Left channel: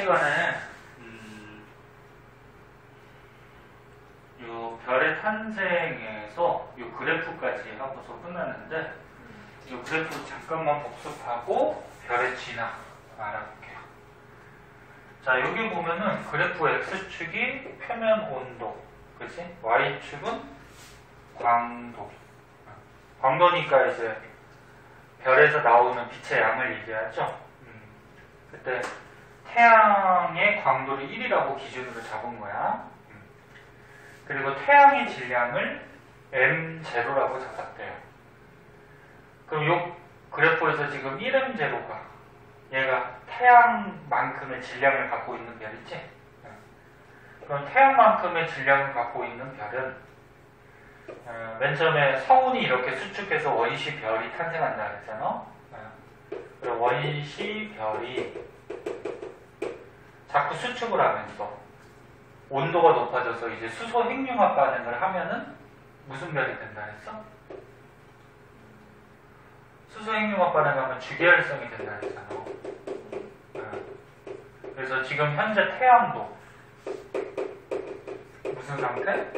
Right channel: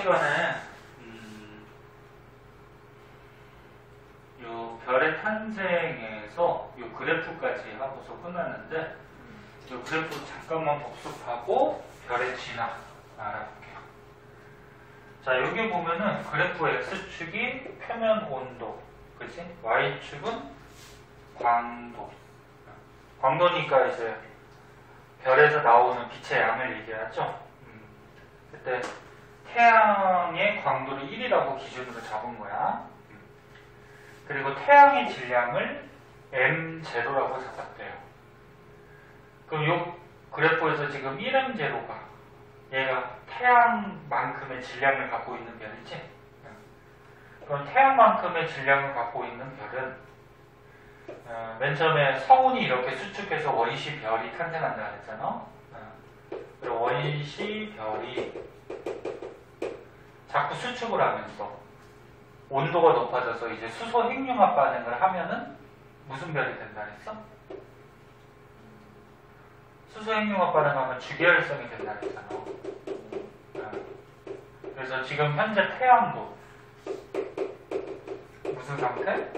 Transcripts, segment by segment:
시간에 요 별의 탄생에서 요 그래프까지 하고서 끝났는데 요 그래프 잠깐만 복습하고 별의 진화 알아볼게요. 자, 여기 보면은 그래프 X축이 표면 온도, 그치? Y축은 광도. 광도니까 이제 별에서 나오는 빛의 양을 얘기하죠. 그때 태양의 광도를 1이라고 기준으로 잡은 거야. 그리고 태양의 질량을 M0라고 잡았대요. 그럼 요 그래프에서 지금 1M0가 얘가 태양만큼의 질량을 갖고 있는 별이지? 그럼 태양만큼의 질량을 갖고 있는 별은 맨 처음에 서운이 이렇게 수축해서 원시 별이 탄생한다 그랬잖아. 원시 별이 자꾸 수축을 하면서 온도가 높아져서 이제 수소 핵융합 반응을 하면은 무슨 별이 된다 그랬어? 수소 핵융합 반응하면 주계열성이 된다 그랬잖아. 그래서 지금 현재 태양도 무슨 상태?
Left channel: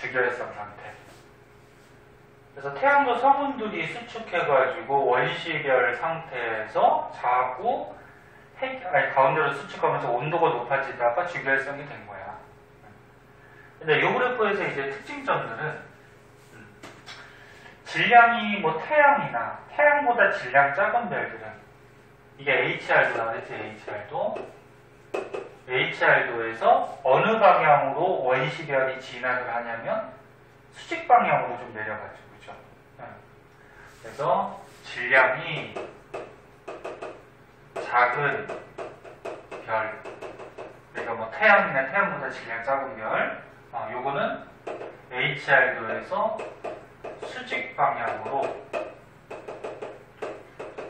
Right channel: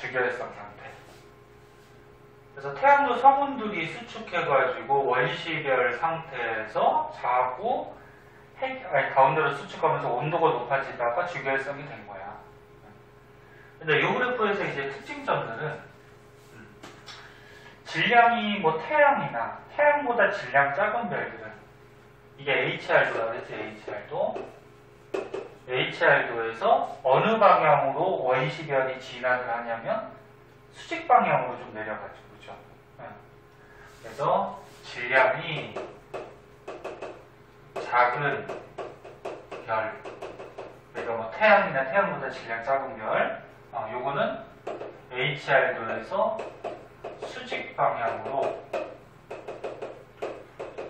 주계열성 상태. 그래서 태양도 성운들이 수축해가지고 원시별 상태에서 자꾸 가운데로 수축하면서 온도가 높아지다가 주계열성이 된 거야. 근데 이 그래프에서 이제 특징점들은 질량이 뭐 태양이나 태양보다 질량 작은 별들은 이게 HR도라고 했지. HR도에서 어느 방향으로 원시별이 진화를 하냐면 수직 방향으로 좀 내려가죠. 그죠? 그래서 질량이 작은 별, 그러니까 뭐 태양이나 태양보다 질량 작은 별, 요거는 HR도에서 수직 방향으로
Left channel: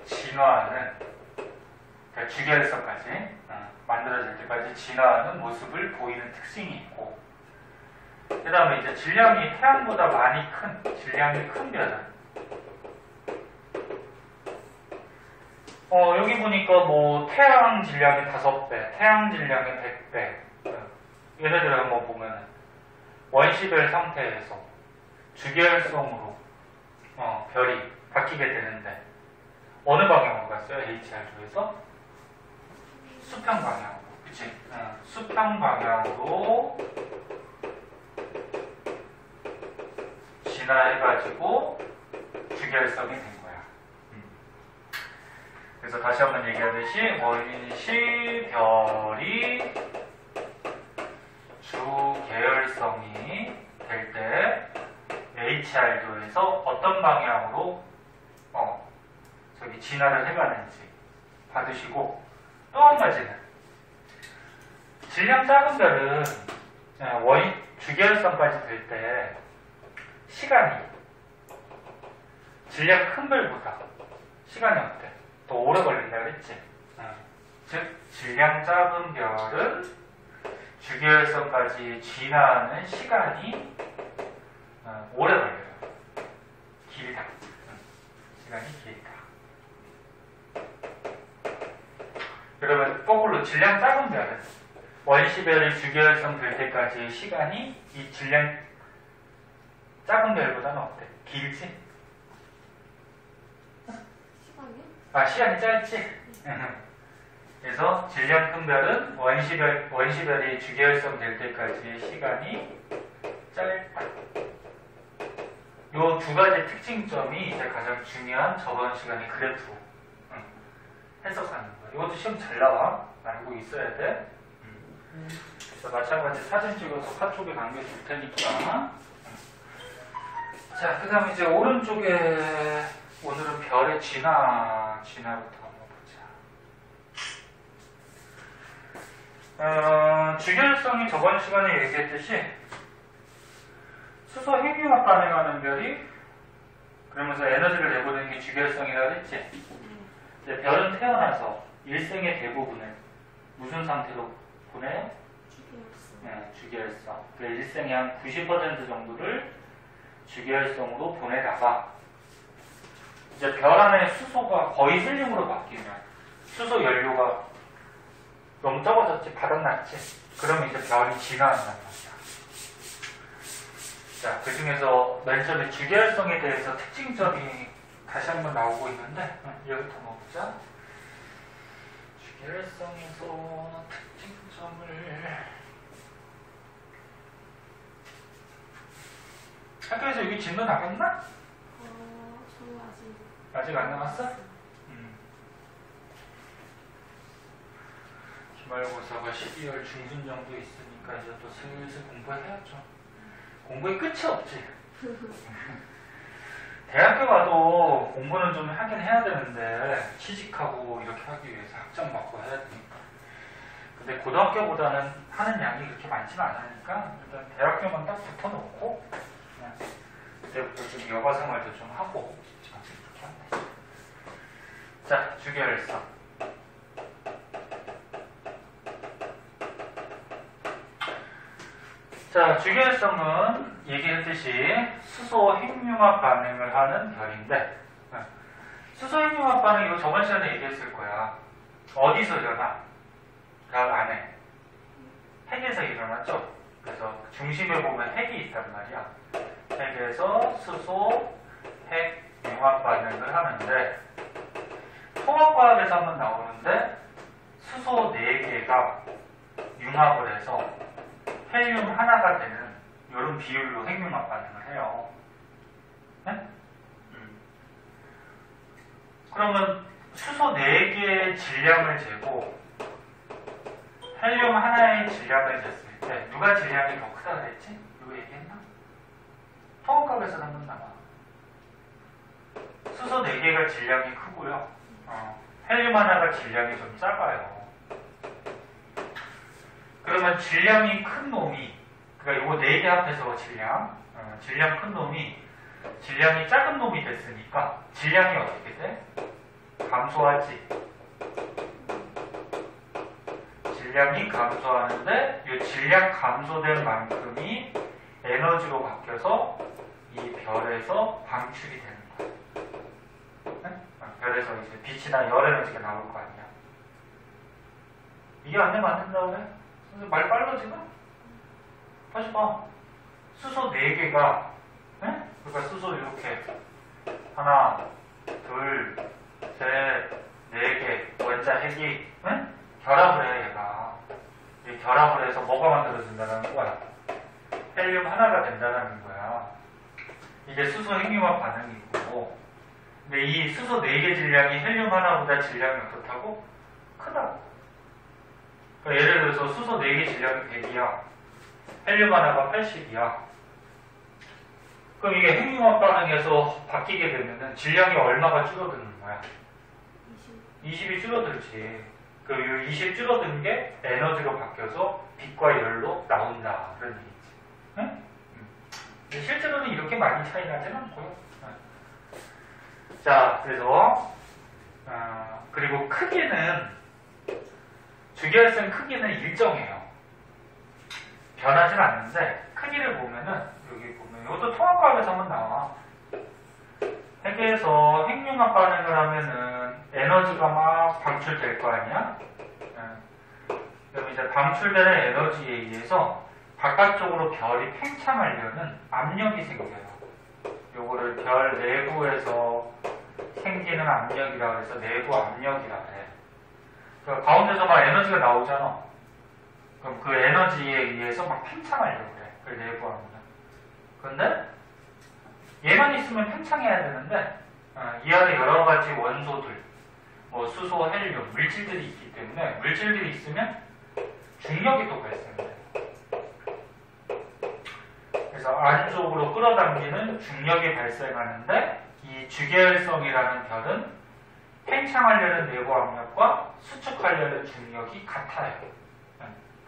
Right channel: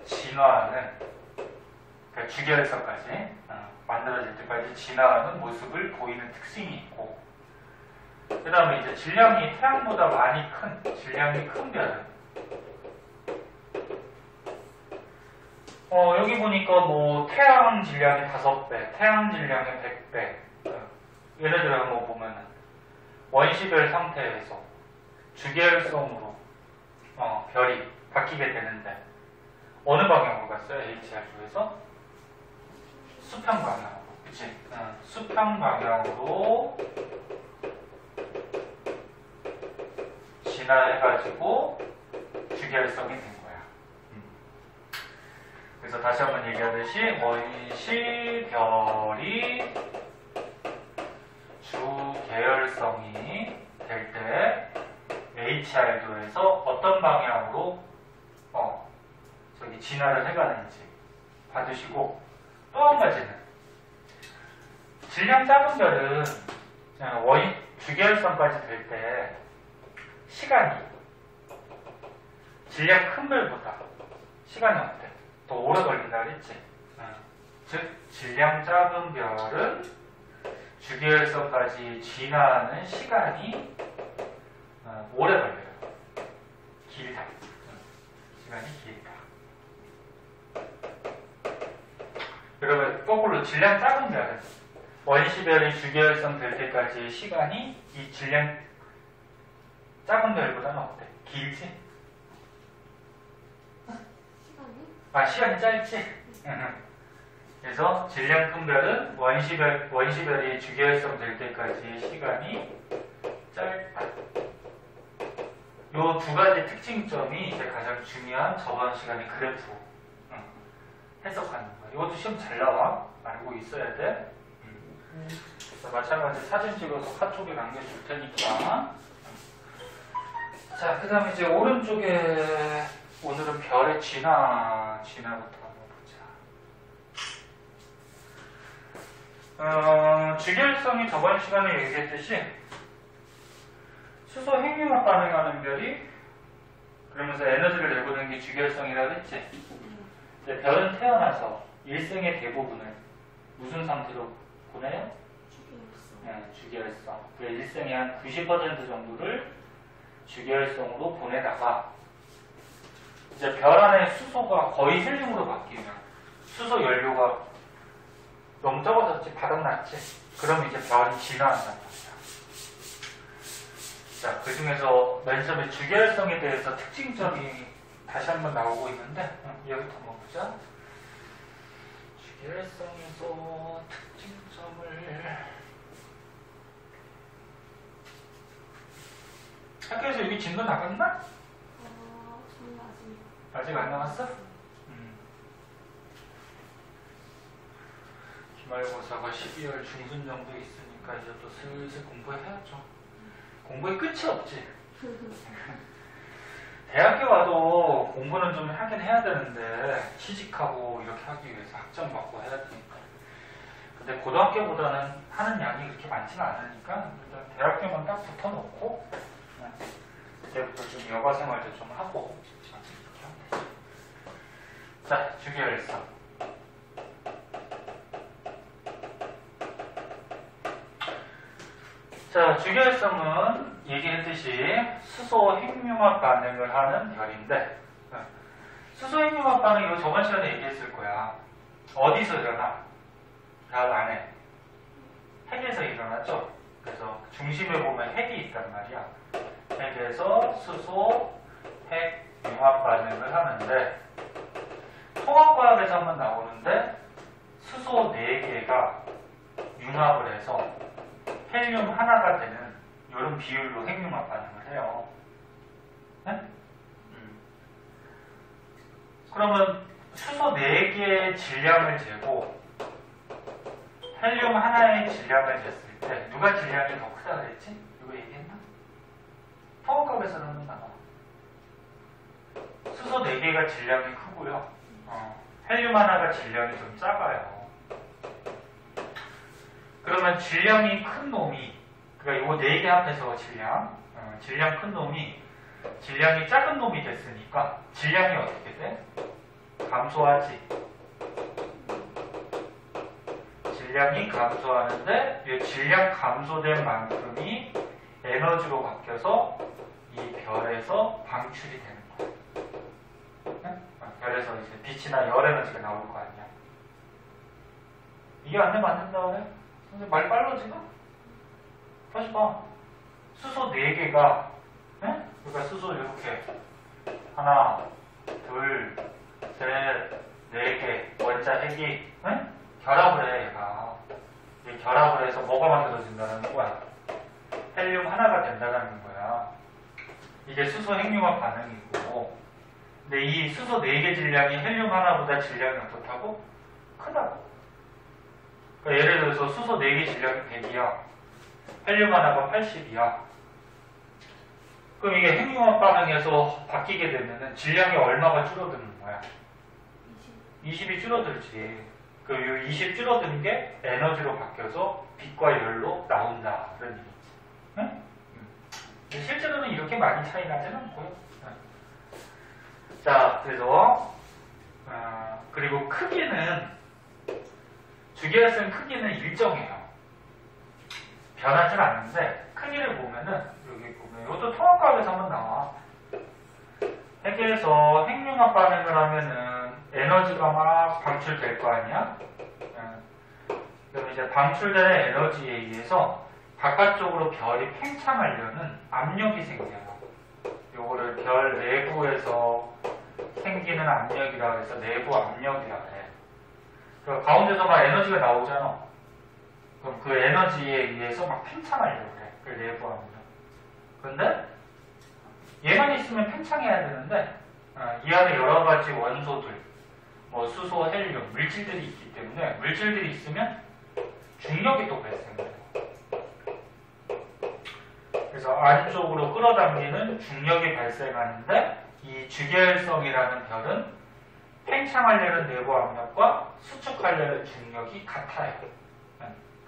진화하는, 그러니까 주계열성까지 만들어질 때까지 진화하는 모습을 보이는 특징이 있고, 그 다음에 이제 질량이 태양보다 많이 큰, 질량이 큰 별은 여기 보니까 뭐 태양 질량이 5배, 태양 질량이 100배. 예를 들어 한번 보면은 원시별 상태에서 주계열성으로 별이 바뀌게 되는데 어느 방향으로 갔어요? HR도에서 수평 방향으로, 그치? 수평 방향으로 진화해가지고 주계열성이 된 거야. 그래서 다시 한번 얘기하듯이 원시별이 주계열성이 될 때 HR도에서 어떤 방향으로 저기 진화를 해가는지 받으시고, 또 한 가지는 질량 작은 별은 주계열성까지 될 때 시간이 질량 큰 별보다 시간이 어때? 더 오래 걸린다 그랬지? 즉 질량 작은 별은 주계열성까지 진화하는 시간이 오래 걸려요. 길다. 시간이 길다. 그러면 거꾸로 질량 작은 별은 원시별이 주계열성 될 때까지의 시간이 이 질량 작은 별보다는 어때? 길지? 시간이 짧지? 그래서 질량 큰 별은 원시별이 주계열성 될 때까지의 시간이 짧다. 요 두 가지 특징점이 이제 가장 중요한 저번 시간에 그래프 해석하는 거야. 이것도 시험 잘 나와. 알고 있어야 돼. 그래서 마찬가지 사진 찍어서 카톡에 남겨줄 테니까. 자, 그 다음에 이제 오른쪽에 오늘은 별의 진화부터 한번 보자. 주계열성이 저번 시간에 얘기했듯이 수소 핵융합 반응하는 별이 그러면서 에너지를 내보내는 게 주계열성이라고 했지. 근데 별은 태어나서 일생의 대부분을 무슨 상태로 보내요? 주계열성. 그 일생의 한 90% 정도를 주계열성으로 보내다가 이제 별 안에 수소가 거의 헬륨으로 바뀌면 수소 연료가 너무 적어졌지? 바닥났지? 그럼 이제 별이 진화한단 말이야. 자, 그 중에서 맨 처음에 주계열성에 대해서 특징점이 다시 한번 나오고 있는데, 여기부터 한번 보자. 주계열성에서 특징점을. 학교에서 여기 진도 나갔나? 저는 아직 안 나왔어? 기말고사가 12월 중순 정도 있으니까 이제 또 슬슬 공부해야죠. 공부에 끝이 없지. 대학교 가도 공부는 좀 하긴 해야 되는데 취직하고 이렇게 하기 위해서 학점 받고 해야 되니까. 근데 고등학교보다는 하는 양이 그렇게 많지는 않으니까 일단 대학교만 딱 붙어놓고 그때부터 좀 여가 생활도 좀 하고 이렇게 하면 되죠. 자, 주계열성. 자, 주계열성은 얘기했듯이 수소 핵융합 반응을 하는 별인데, 수소 핵융합 반응 이거 저번 시간에 얘기했을 거야. 어디서 일어나? 별 안에. 핵에서 일어났죠? 그래서 중심에 보면 핵이 있단 말이야. 핵에서 수소 핵융합 반응을 하는데, 통합과학에서 한번 나오는데, 수소 4개가 융합을 해서 헬륨 하나가 되는 이런 비율로 핵융합 반응을 해요. 네? 그러면 수소 4개의 질량을 재고 헬륨 하나의 질량을 쟀을 때 누가 질량이 더 크다 그랬지? 이거 얘기했나? 통합각에서 한번 나와. 수소 4개가 질량이 크고요. 헬륨 하나가 질량이 좀 작아요. 그러면 질량이 큰 놈이, 그러니까 이거 4개 합해서 질량 큰 놈이 질량이 작은 놈이 됐으니까 질량이 어떻게 돼? 감소하지. 질량이 감소하는데 이 질량 감소된 만큼이 에너지로 바뀌어서 이 별에서 방출이 되는 거야. 네? 별에서 이제 빛이나 열 에너지가 나올 거 아니야. 이게 안 되면 안 된다고 그래? 선생님 말 빨라 지금? 다시 봐. 수소 4개가, 네? 그러니까 수소 이렇게 하나, 둘, 셋, 4개 원자 핵이 네? 결합을 해 얘가. 이 결합을 해서 뭐가 만들어진다는 거야? 헬륨 하나가 된다는 거야. 이게 수소 핵융합 반응이고, 근데 이 수소 4개 질량이 헬륨 하나보다 질량이 어떻다고? 크다고. 그러니까 예를 들어서 수소 4개 질량이 100이야. 헬륨 하나가 80이야. 그럼 이게 핵융합 반응에서 바뀌게 되면은 질량이 얼마가 줄어드는 거야? 20이 줄어들지. 그 20 줄어든 게 에너지로 바뀌어서 빛과 열로 나온다. 그런 얘기지. 응? 실제로는 이렇게 많이 차이 나지는 않고요. 자, 그래서 그리고 크기는 주계열성 크기는 일정해요. 변하진 않는데 크기를 보면은 여기 보면 이것도 통합과학에서 한번 나와. 핵에서 핵융합 반응을 하면은 에너지가 막 방출될 거 아니야? 그럼 이제 방출되는 에너지에 의해서 바깥쪽으로 별이 팽창하려는 압력이 생겨요. 요거를 별 내부에서 생기는 압력이라고 해서 내부 압력이라고 해. 그 가운데서 막 에너지가 나오잖아. 그럼 그 에너지에 의해서 막 팽창하려고 그래. 그 내부 압력. 근데 얘만 있으면 팽창해야 되는데 이 안에 여러 가지 원소들, 뭐 수소, 헬륨, 물질들이 있기 때문에 물질들이 있으면 중력이 또 발생돼요. 그래서 안쪽으로 끌어당기는 중력이 발생하는데 이 주계열성이라는 별은 팽창하려는 내부 압력과 수축하려는 중력이 같아요.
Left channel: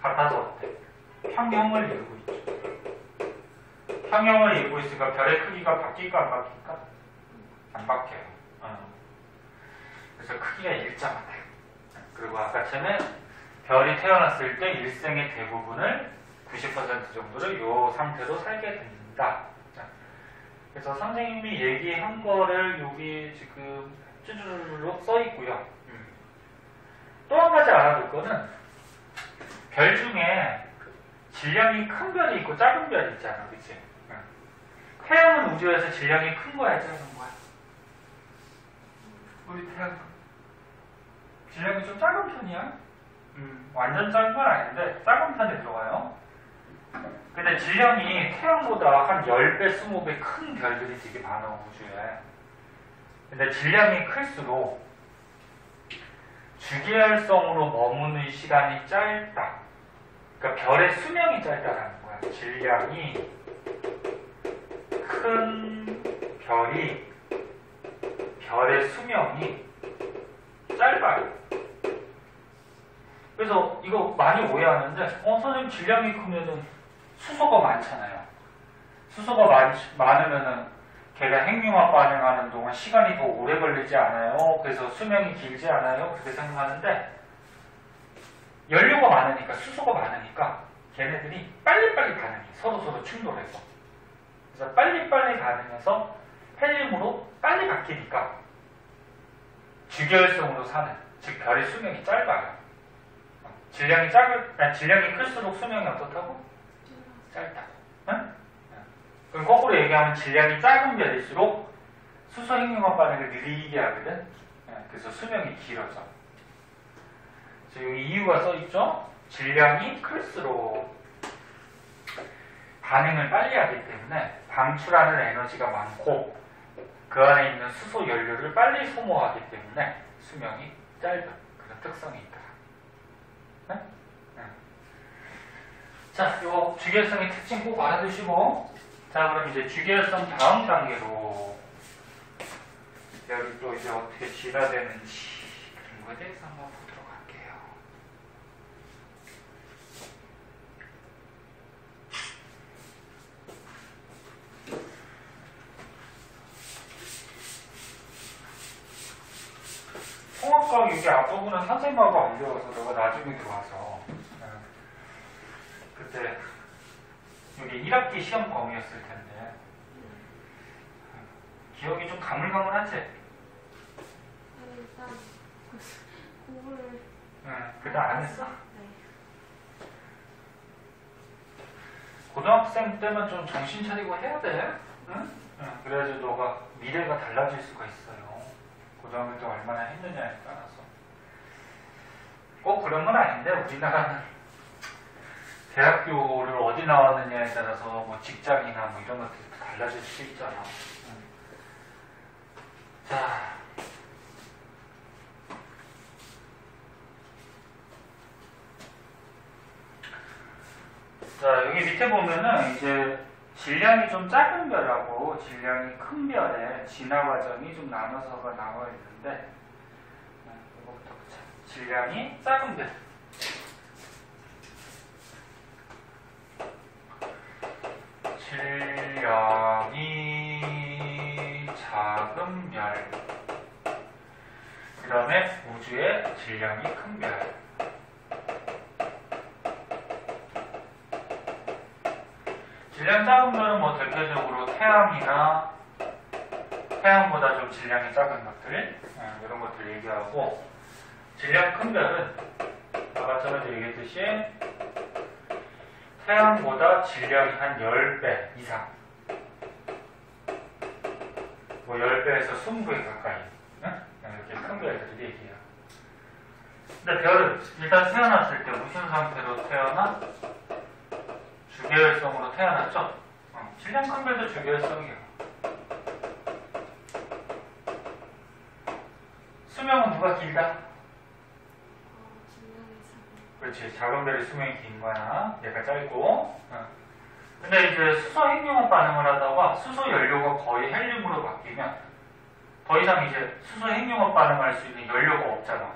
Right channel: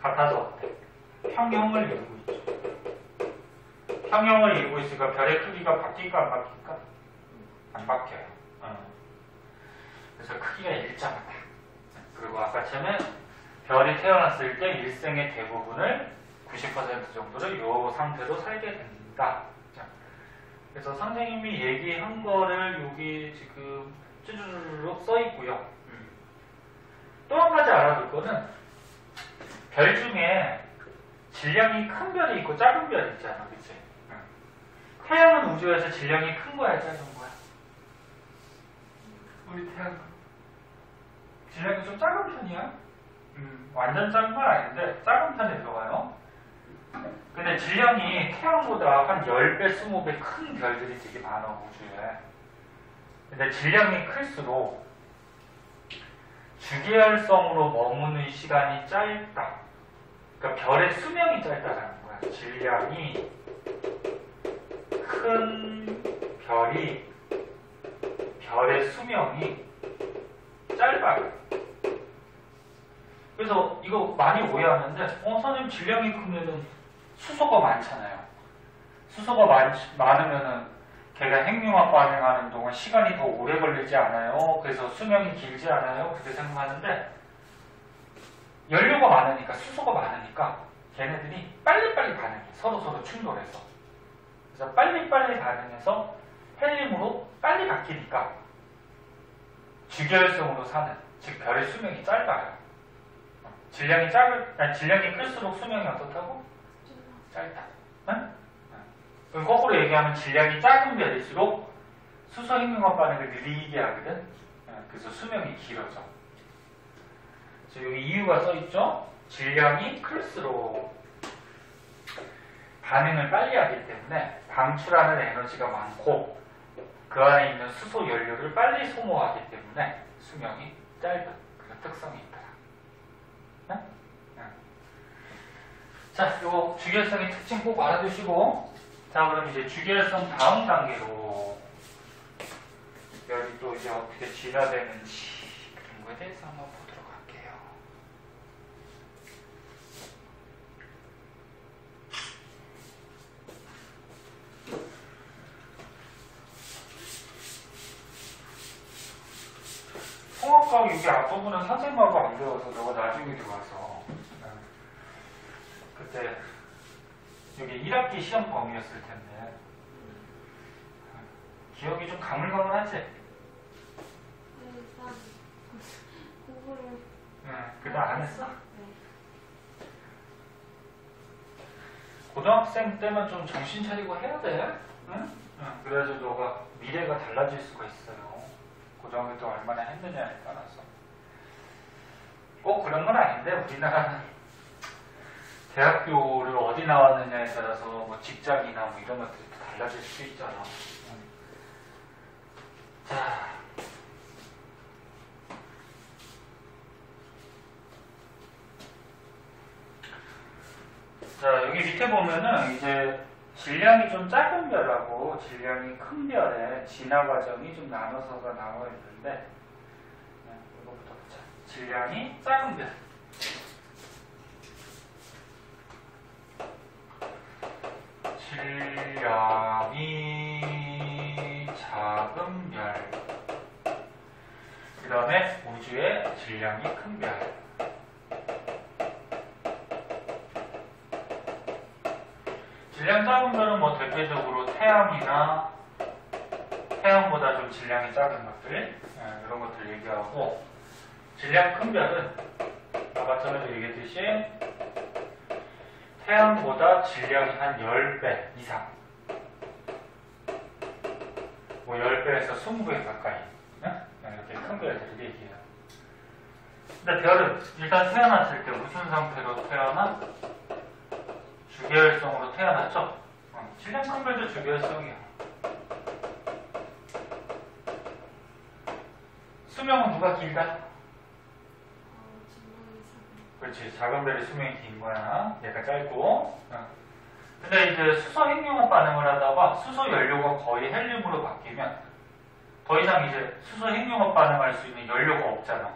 같아서 어때? 평형을 이루고 있죠. 평형을 이루고 있으니까 별의 크기가 바뀔까 안 바뀔까? 안 바뀌어요. 그래서 크기가 일정하다. 그리고 아까처럼 별이 태어났을 때 일생의 대부분을 90% 정도를 이 상태로 살게 됩니다. 자, 그래서 선생님이 얘기한 거를 여기 지금 쭈르륵 써 있고요. 또 한 가지 알아둘 거는 별 중에 질량이 큰 별이 있고 작은 별이 있잖아, 그치? 태양은 우주에서 질량이 큰 거야, 작은 거야? 우리 태양 질량이 좀 작은 편이야? 완전 작은 건 아닌데 작은 편에 들어가요. 근데 질량이 태양보다 한 10배, 20배 큰 별들이 되게 많아, 우주에. 근데 질량이 클수록 주기활성으로 머무는 시간이 짧다. 그러니까 별의 수명이 짧다라는 거야. 질량이 큰 별이 별의 수명이 짧아요. 그래서 이거 많이 오해하는데 선생님 질량이 크면은 수소가 많잖아요. 수소가 많으면은 걔가 핵융합 반응하는 동안 시간이 더 오래 걸리지 않아요? 그래서 수명이 길지 않아요? 그렇게 생각하는데 연료가 많으니까 수소가 많으니까 걔네들이 빨리빨리 반응해. 서로 충돌해서. 그래서 빨리빨리 반응해서 헬륨으로 빨리 바뀌니까 주기활성으로 사는, 즉 별의 수명이 짧아요. 질량이 클수록 수명이 어떻다고? 짧다고. 응? 그럼 거꾸로 얘기하면 질량이 작은 별일수록 수소 핵융합 반응을 느리게 하거든. 그래서 수명이 길어져. 그래서 여기 이유가 써있죠? 질량이 클수록 반응을 빨리 하기 때문에 방출하는 에너지가 많고 그 안에 있는 수소 연료를 빨리 소모하기 때문에 수명이 짧은 그런 특성이 있다. 응? 응. 자, 요 주기활성의 특징 꼭 알아두시고, 자, 그럼 이제 주기활성 다음 단계로 여기 또 이제 어떻게 진화되는지 그런 거에 대해서 한번 보도록 할게요. 통합과학 여기 앞부분은 선생님하고 안 배워서 너가 나중에 들어와서 그때 여기 1학기 시험 범위였을 텐데 기억이 좀 가물가물하지? 일단 공부를 그다음 안 했어? 네. 고등학생 때면 좀 정신 차리고 해야 돼. 응? 그래야지 너가 미래가 달라질 수가 있어요. 고등학교 때 얼마나 했느냐에 따라서. 꼭 그런 건 아닌데 우리나라는 대학교를 어디 나왔느냐에 따라서 뭐 직장이나 뭐 이런 것들이 달라질 수 있잖아. 자, 여기 밑에 보면은 이제 질량이 좀 작은 별하고 질량이 큰 별의 진화 과정이 좀 나눠서가 나와 있는데, 이거부터 보자. 질량이 작은 별. 질량이 작은 별. 그 다음에 우주의 질량이 큰 별. 질량 작은 별은 뭐 대표적으로 태양이나 태양보다 좀 질량이 작은 것들, 이런 것들 얘기하고, 질량 큰 별은 아까 전에 얘기했듯이 태양보다 질량이 한 10배 이상, 뭐 10배에서 20배 가까이, 이렇게 큰 별들을 얘기해요. 근데 별은 일단 태어났을 때 무슨 상태로 태어나? 주기활성으로 태어났죠? 질량 큰 별도 주기활성이에요. 수명은 누가 길다? 그렇지, 작은 별의 수명이 긴 거야. 얘가 짧고. 근데 이제 수소 핵융합 반응을 하다가 수소 연료가 거의 헬륨으로 바뀌면 더 이상 이제 수소 핵융합 반응할 수 있는 연료가 없잖아.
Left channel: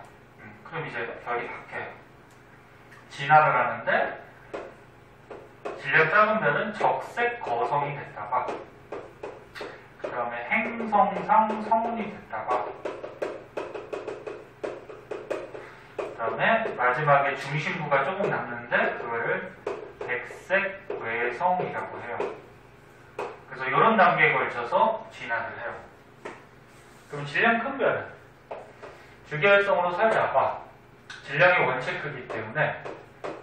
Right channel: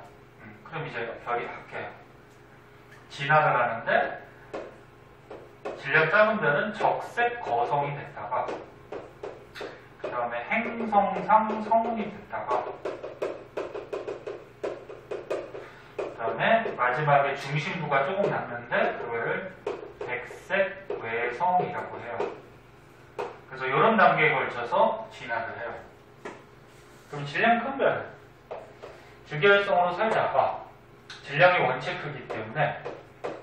그럼 이제 별이 바뀌어요. 진화를 하는데 질량 작은 별은 적색 거성이 됐다가 그 다음에 행성상 성운이 됐다가 그 다음에 마지막에 중심부가 조금 남는데 그거를 백색 외성이라고 해요. 그래서 이런 단계에 걸쳐서 진화를 해요. 그럼 질량 큰 별은 주기활성으로 살다가 질량이 원체 크기 때문에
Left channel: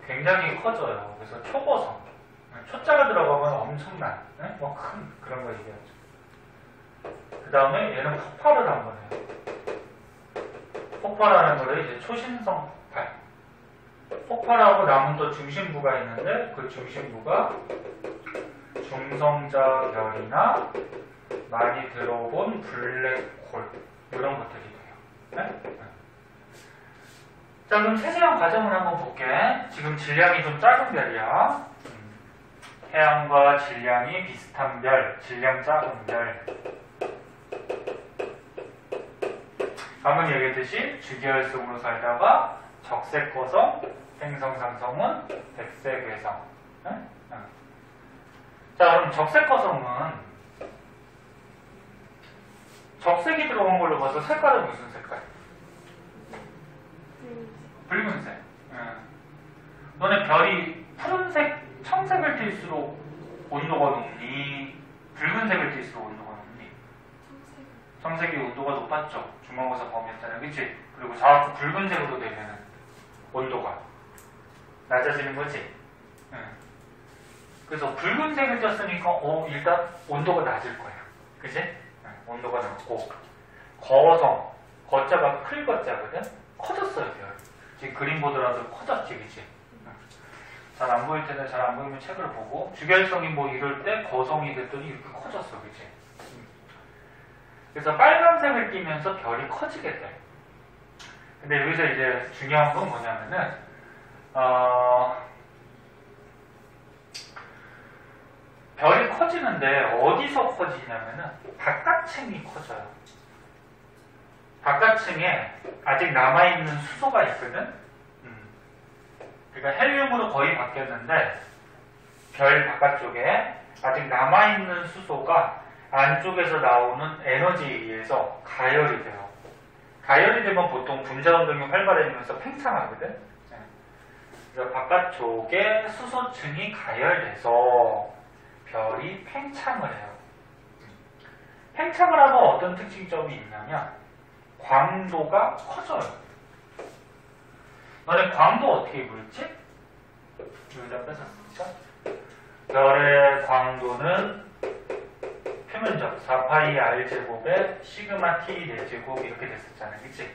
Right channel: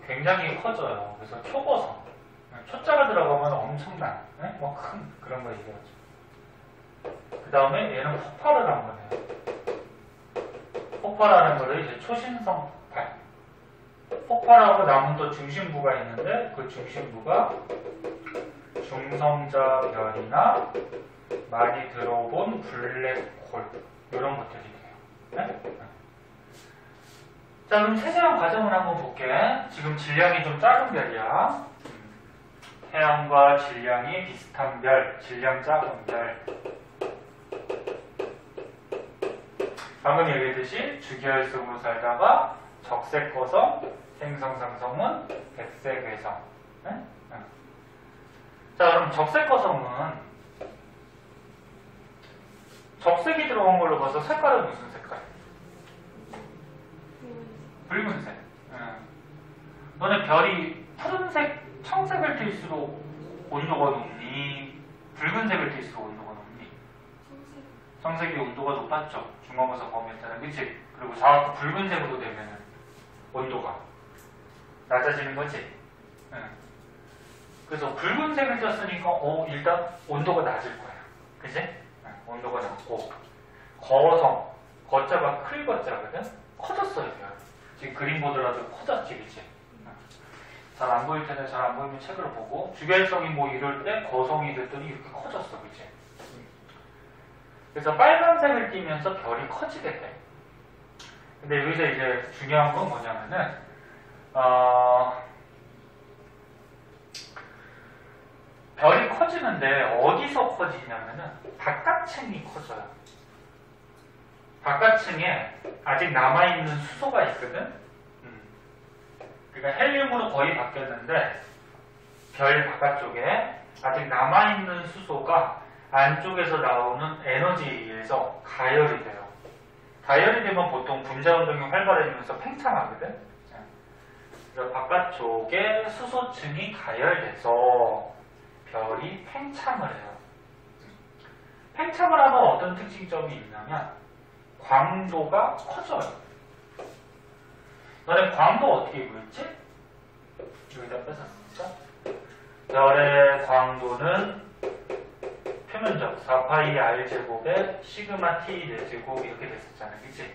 굉장히 커져요. 그래서 초고성. 초자가 들어가면 엄청난, 뭐 큰 그런 거 얘기하죠. 그 다음에 얘는 폭발을 한 거네요. 폭발하는 거를 이제 초신성 폭발. 폭발하고 남은 또 중심부가 있는데 그 중심부가 중성자 별이나 많이 들어본 블랙홀 이런 것들이 돼요. 네? 자, 그럼 세세한 과정을 한번 볼게. 지금 질량이 좀 작은 별이야. 태양과 질량이 비슷한 별, 질량 작은 별. 방금 얘기했듯이 주기혈성으로 살다가 적색거성, 행성상성은 백색외성. 응? 응. 자, 그럼 적색거성은 적색이 들어간 걸로 봐서 색깔은 무슨 색깔? 붉은색. 응. 너네 별이 푸른색, 청색을 띨수록 온도가 높니? 붉은색을 띨수록 온도가 높니? 청색이 온도가 높았죠. 중간고사 범위 때는, 그치? 그리고 좌우쪽 붉은색으로 되면 온도가 낮아지는 거지. 응. 그래서 붉은색을 떴으니까 일단 온도가 낮을 거예요. 그치? 응. 온도가 낮고 거성, 거자가 클 거자거든? 커졌어요. 별. 지금 그림 보더라도 커졌지, 그치? 응. 잘 안 보일 텐데 잘 안 보이면 책을 보고 주결성이 뭐 이럴 때 거성이 됐더니 이렇게 커졌어, 그치? 그래서 빨간색을 띠면서 별이 커지게 돼. 근데 여기서 이제 중요한 건 뭐냐면은, 별이 커지는데 어디서 커지냐면은 바깥층이 커져요. 바깥층에 아직 남아있는 수소가 있거든? 그러니까 헬륨으로 거의 바뀌었는데 별 바깥쪽에 아직 남아있는 수소가 안쪽에서 나오는 에너지에 의해서 가열이 돼요. 가열이 되면 보통 분자운동이 활발해지면서 팽창하거든. 그래서 바깥쪽에 수소층이 가열돼서 별이 팽창을 해요. 팽창을 하면 어떤 특징점이 있냐면 광도가 커져요. 너네 광도 어떻게 구했지? 여기다 뺏었을까? 별의 광도는 표면적 4파이 r제곱에 시그마 t 4제곱 이렇게 됐었잖아, 그치?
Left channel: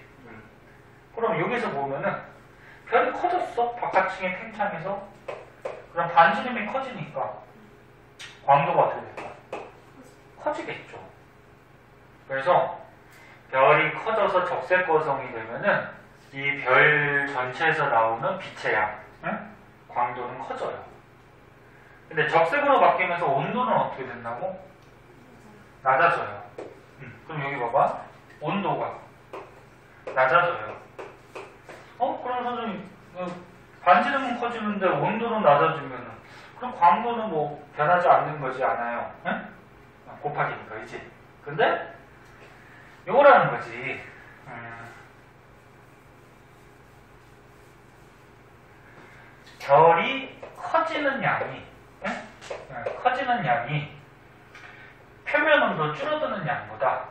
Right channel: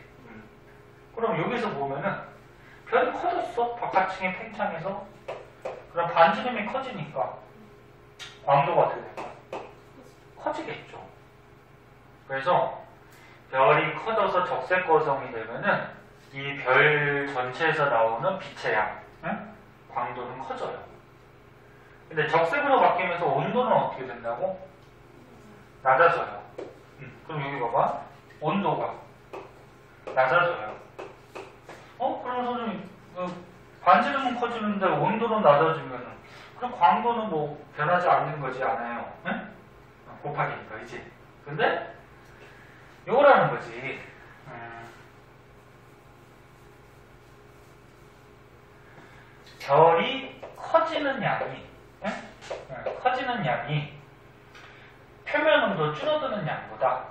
그럼 여기서 보면은 별이 커졌어. 바깥층이 팽창해서. 그럼 반지름이 커지니까 광도가 어떻게 될까? 커지겠죠. 그래서 별이 커져서 적색거성이 되면은 이 별 전체에서 나오는 빛의 양, 광도는 커져요. 근데 적색으로 바뀌면서 온도는 어떻게 된다고? 낮아져요. 그럼 여기 봐봐. 온도가 낮아져요. 그럼 선생님, 반지름은 커지는데 온도는 낮아지면 그럼 광도는 뭐 변하지 않는 거지 않아요? 응? 곱하기니까, 그지? 근데 요거라는 거지. 별이 커지는 양이, 커지는 양이 표면 온도 줄어드는 양보다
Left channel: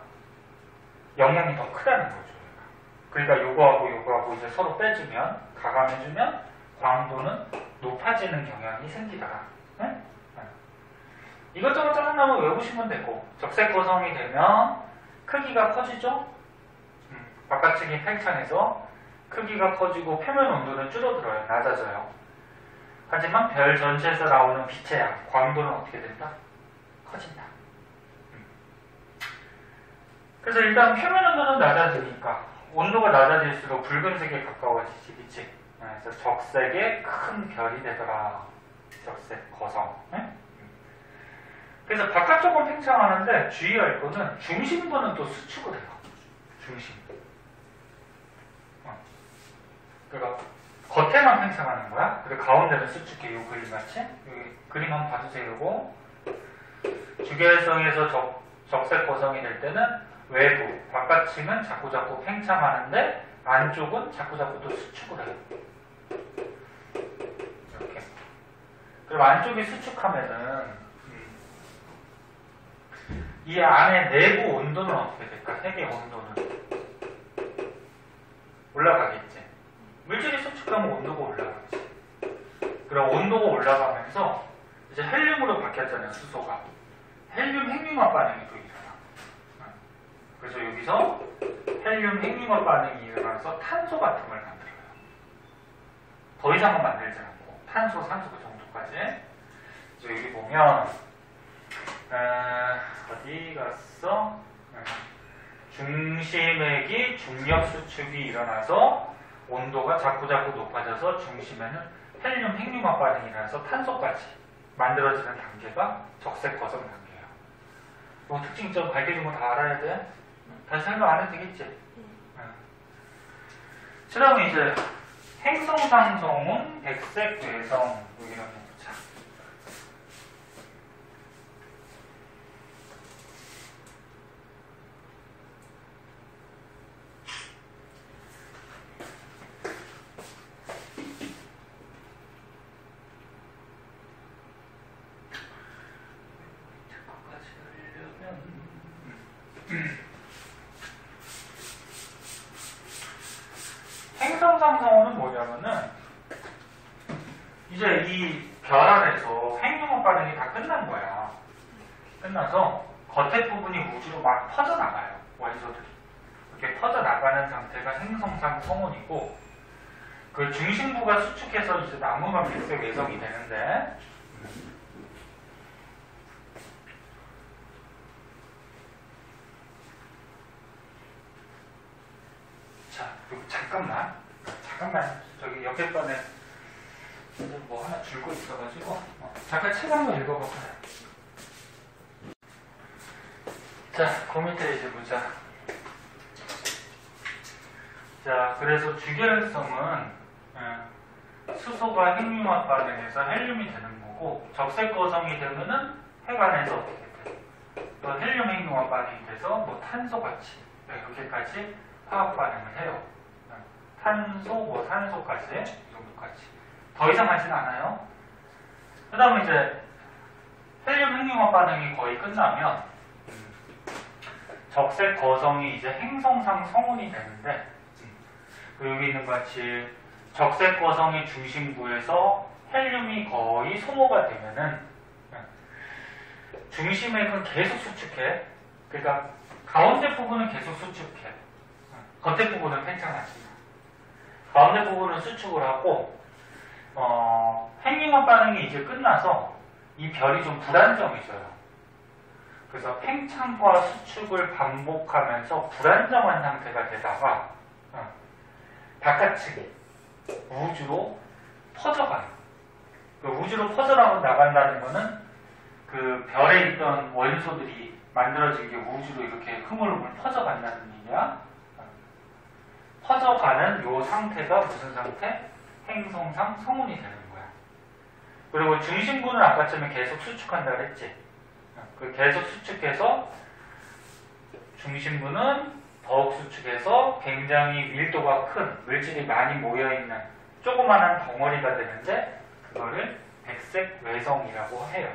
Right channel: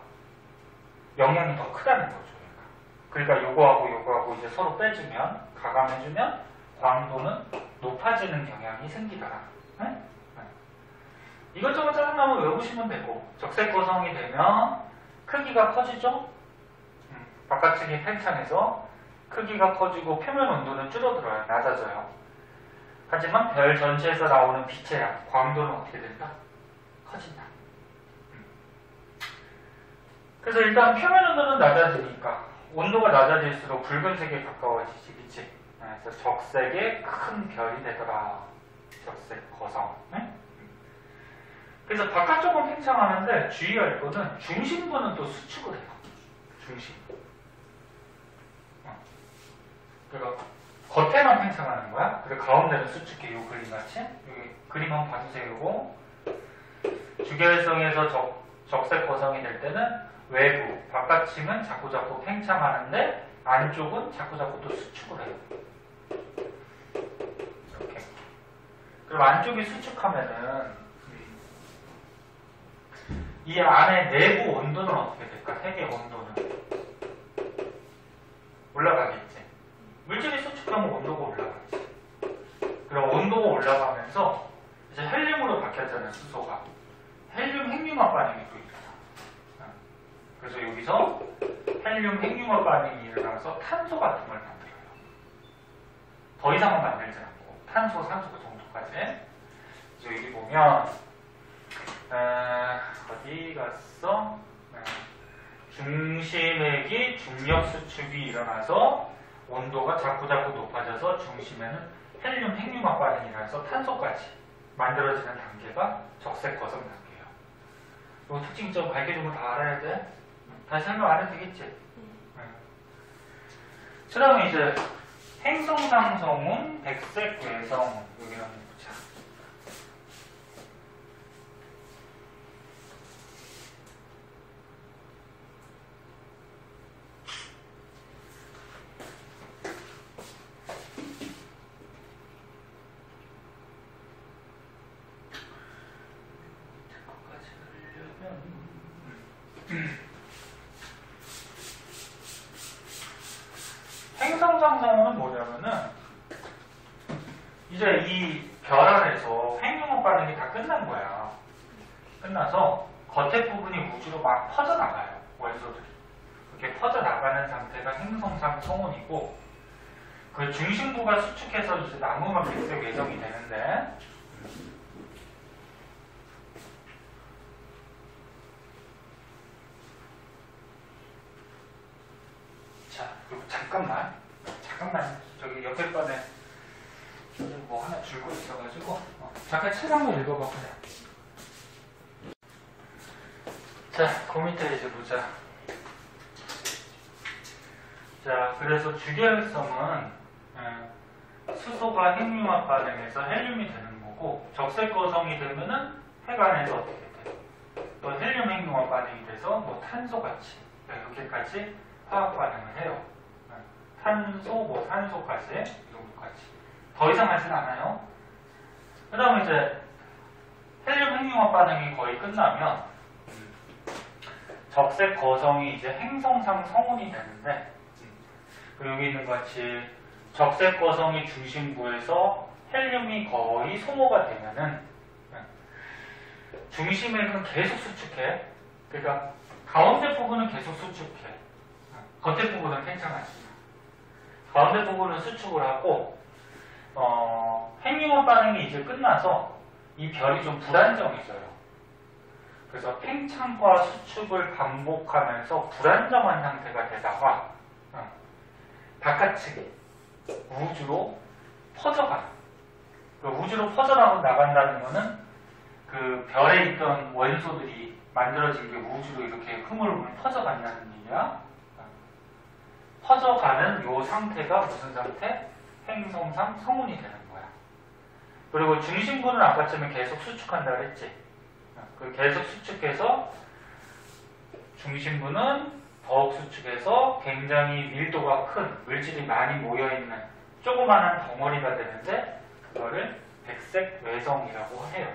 영향이 더 크다는 거죠. 그러니까 요거하고 이제 서로 빼주면, 가감해주면 광도는 높아지는 경향이 생기더라. 이것저것 짜증나면 외우시면 되고, 적색거성이 되면 크기가 커지죠? 바깥층이 팽창해서 크기가 커지고 표면 온도는 줄어들어요. 낮아져요. 하지만 별 전체에서 나오는 빛의 양, 광도는 어떻게 된다? 커진다. 그래서 일단 표면 온도는 낮아지니까 온도가 낮아질수록 붉은색에 가까워지지, 그치? 그래서 적색의 큰 별이 되더라. 적색 거성. 그래서 바깥쪽은 팽창하는데 주의할 거는 중심부는 또 수축을 해요. 중심부. 그러니까 겉에만 팽창하는 거야. 그리고 가운데는 수축해. 요 그림같이. 여기 그림 한번 봐주세요. 요거. 주결성에서 적색 거성이 될 때는 외부, 바깥층은 자꾸자꾸 팽창하는데 안쪽은 자꾸자꾸 또 수축을 해요. 이렇게. 그럼 안쪽이 수축하면은 이 안에 내부 온도는 어떻게 될까? 핵의 온도는 올라가겠지. 물질이 수축하면 온도가 올라가지. 바뀌었잖아요. 수소가. 헬륨 핵융합 반응이 또 일어나. 그래서 여기서 헬륨 핵융합 반응이 일어나서 탄소 같은 걸 만들어요. 더 이상은 만들지 않고 탄소, 산소 그 정도까지. 그래서 여기 보면 어디 갔어? 중심액이 중력 수축이 일어나서 온도가 자꾸 높아져서 중심에는 헬륨 핵융합 반응이 일어나서 탄소까지 만들어지는 단계가 적색 거성 단계예요. 이 특징 좀 밝혀준 거 다 알아야 돼? 다시 설명 안 해도 되겠지? 그 다음에 이제 행성상성운, 백색 외성 여기 한번 보자. 행성상성운은 뭐냐면은 이제 이 별 안에서 핵융합 반응이 다 끝난 거야. 끝나서 겉에 부분이 우주로 막 퍼져나가요. 원소들이. 이렇게 퍼져나가는 상태가 행성상성운이고 그 중심부가 수축해서 이제 나무가 백색 외성이 되는데 자, 그리고 잠깐만 저기 옆에 번에 뭐 하나 줄거 있어가지고 잠깐 책 한번 읽어봐. 자, 그 밑에 이제 보자. 자, 그래서 주결성은 수소가 핵융합 반응해서 헬륨이 되는 거고 적색 거성이 되면은 핵 안에서 어떻게 돼? 또 헬륨 핵융합 반응이 돼서 뭐 탄소같이 이렇게까지 화학 반응을 해요. 탄소, 뭐 산소까지 이 정도까지. 더 이상 하진 않아요. 그 다음에 이제 헬륨 핵융합 반응이 거의 끝나면 적색 거성이 이제 행성상 성운이 되는데 여기 있는 것 같이 적색 거성이 중심부에서 헬륨이 거의 소모가 되면은 중심액은 계속 수축해. 그러니까 가운데 부분은 계속 수축해. 겉에 부분은 팽창하지. 가운데 부분은 수축을 하고 핵융합 반응이 이제 끝나서 이 별이 좀 불안정해져요. 그래서 팽창과 수축을 반복하면서 불안정한 상태가 되다가 바깥측에 우주로 퍼져가요. 우주로 퍼져나간다는 거는 그 별에 있던 원소들이 만들어진 게 우주로 이렇게 흐물흐물 퍼져간다는 얘기야. 퍼져가는 요 상태가 무슨 상태? 행성상 성운이 되는 거야. 그리고 중심부는 아까처럼 계속 수축한다 그랬지. 그 계속 수축해서 중심부는 더욱 수축해서 굉장히 밀도가 큰 물질이 많이 모여있는 조그마한 덩어리가 되는데 그거를 백색 외성이라고 해요.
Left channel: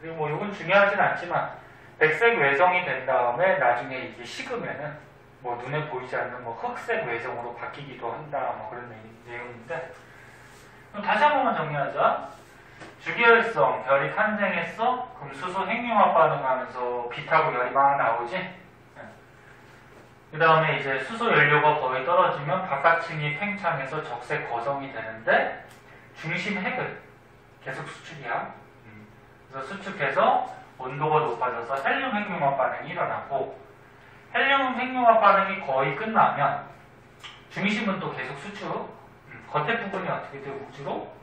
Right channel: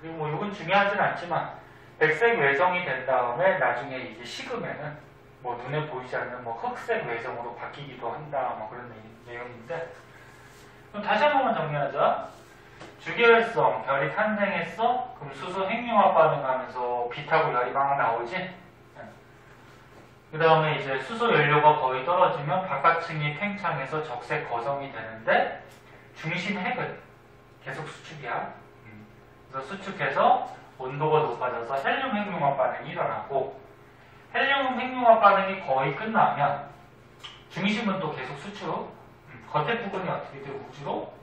그리고 뭐 이건 중요하진 않지만 백색 외성이 된 다음에 나중에 이게 식으면은 뭐 눈에 보이지 않는 뭐 흑색 외성으로 바뀌기도 한다 뭐 그런 내용인데 그럼 다시 한 번만 정리하자. 주계열성 별이 탄생했어. 그럼 수소 핵융합 반응하면서 빛하고 열이 막 나오지. 그 다음에 이제 수소 연료가 거의 떨어지면 바깥층이 팽창해서 적색 거성이 되는데 중심 핵은 계속 수축이야. 그래서 수축해서 온도가 높아져서 헬륨 핵융합 반응이 일어나고 헬륨 핵융합 반응이 거의 끝나면 중심은 또 계속 수축. 겉에 부분이 어떻게 돼? 우주로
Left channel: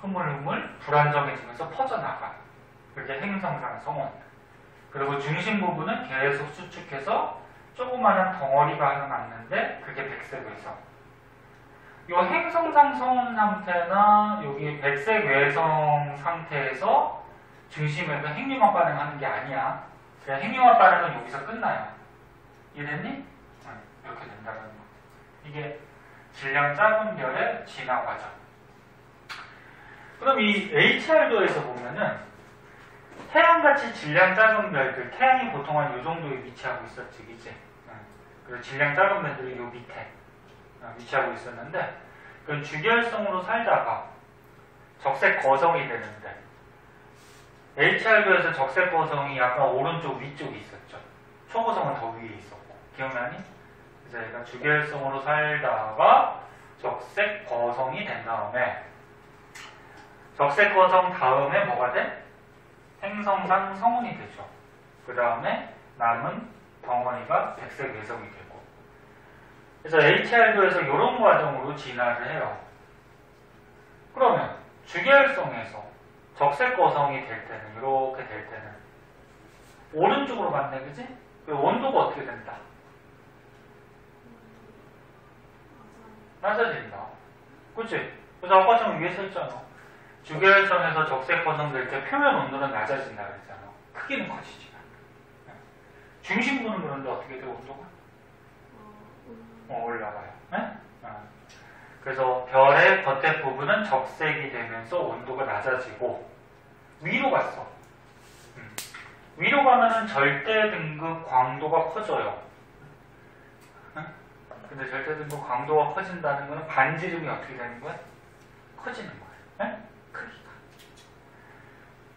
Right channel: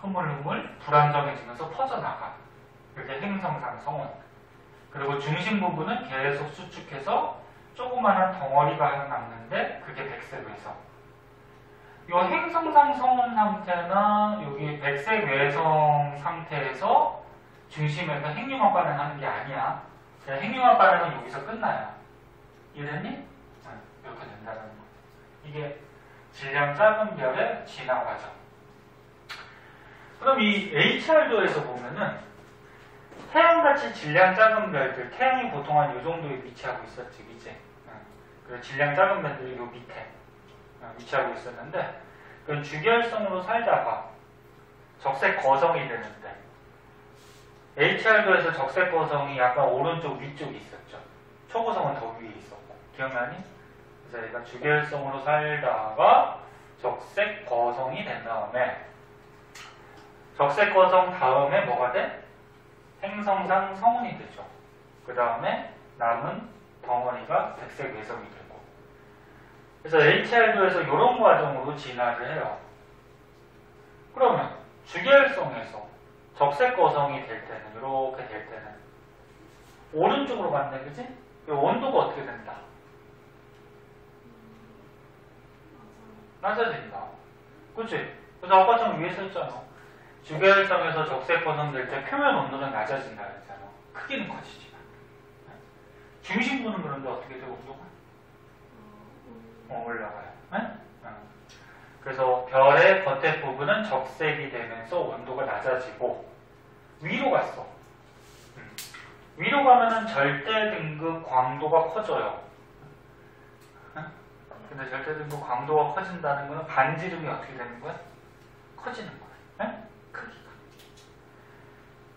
흐물흐물 불안정해지면서 퍼져나가. 그게 행성상 성운. 그리고 중심 부분은 계속 수축해서 조그마한 덩어리가 남는데 그게 백색 외성. 이 행성상 성운 상태나 여기 백색 외성 상태에서 중심에서 핵융합 반응하는 게 아니야. 그냥 핵융합 반응은 여기서 끝나요. 이해됐니? 이렇게 된다는 거. 이게 질량 작은 별의 진화 과정. 그럼 이 HR도에서 보면은 태양같이 질량 작은 별들, 태양이 보통 한 이 정도에 위치하고 있었지, 이제. 그리고 질량 작은 별들이 요 밑에 위치하고 있었는데, 그건 주결성으로 살다가 적색 거성이 되는데, HR도에서 적색 거성이 약간 오른쪽 위쪽에 있었죠. 초고성은 더 위에 있었고. 기억나니? 그래서 얘가 주계열성으로 살다가 적색 거성이 된 다음에 적색 거성 다음에 뭐가 돼? 행성상 성운이 되죠. 그 다음에 남은 덩어리가 백색 외성이 되고. 그래서 HR도에서 이런 과정으로 진화를 해요. 그러면 주계열성에서 적색 거성이 될 때는, 이렇게 될 때는 오른쪽으로 갔네, 그지? 온도가 어떻게 된다? 낮아진다. 그치? 그래서 아까처럼 위에서 했잖아. 주계열성에서 적색 거성 될 때 표면 온도는 낮아진다 그랬잖아. 크기는 커지지 않아. 중심부는 그런데 어떻게 돼, 온도가? 올라가요. 네? 그래서 별의 겉에 부분은 적색이 되면서 온도가 낮아지고 위로 갔어. 위로 가면은 절대 등급 광도가 커져요. 근데 절대 등급 광도가 커진다는 거는 반지름이 어떻게 되는 거야? 커지는 거야. 크기가.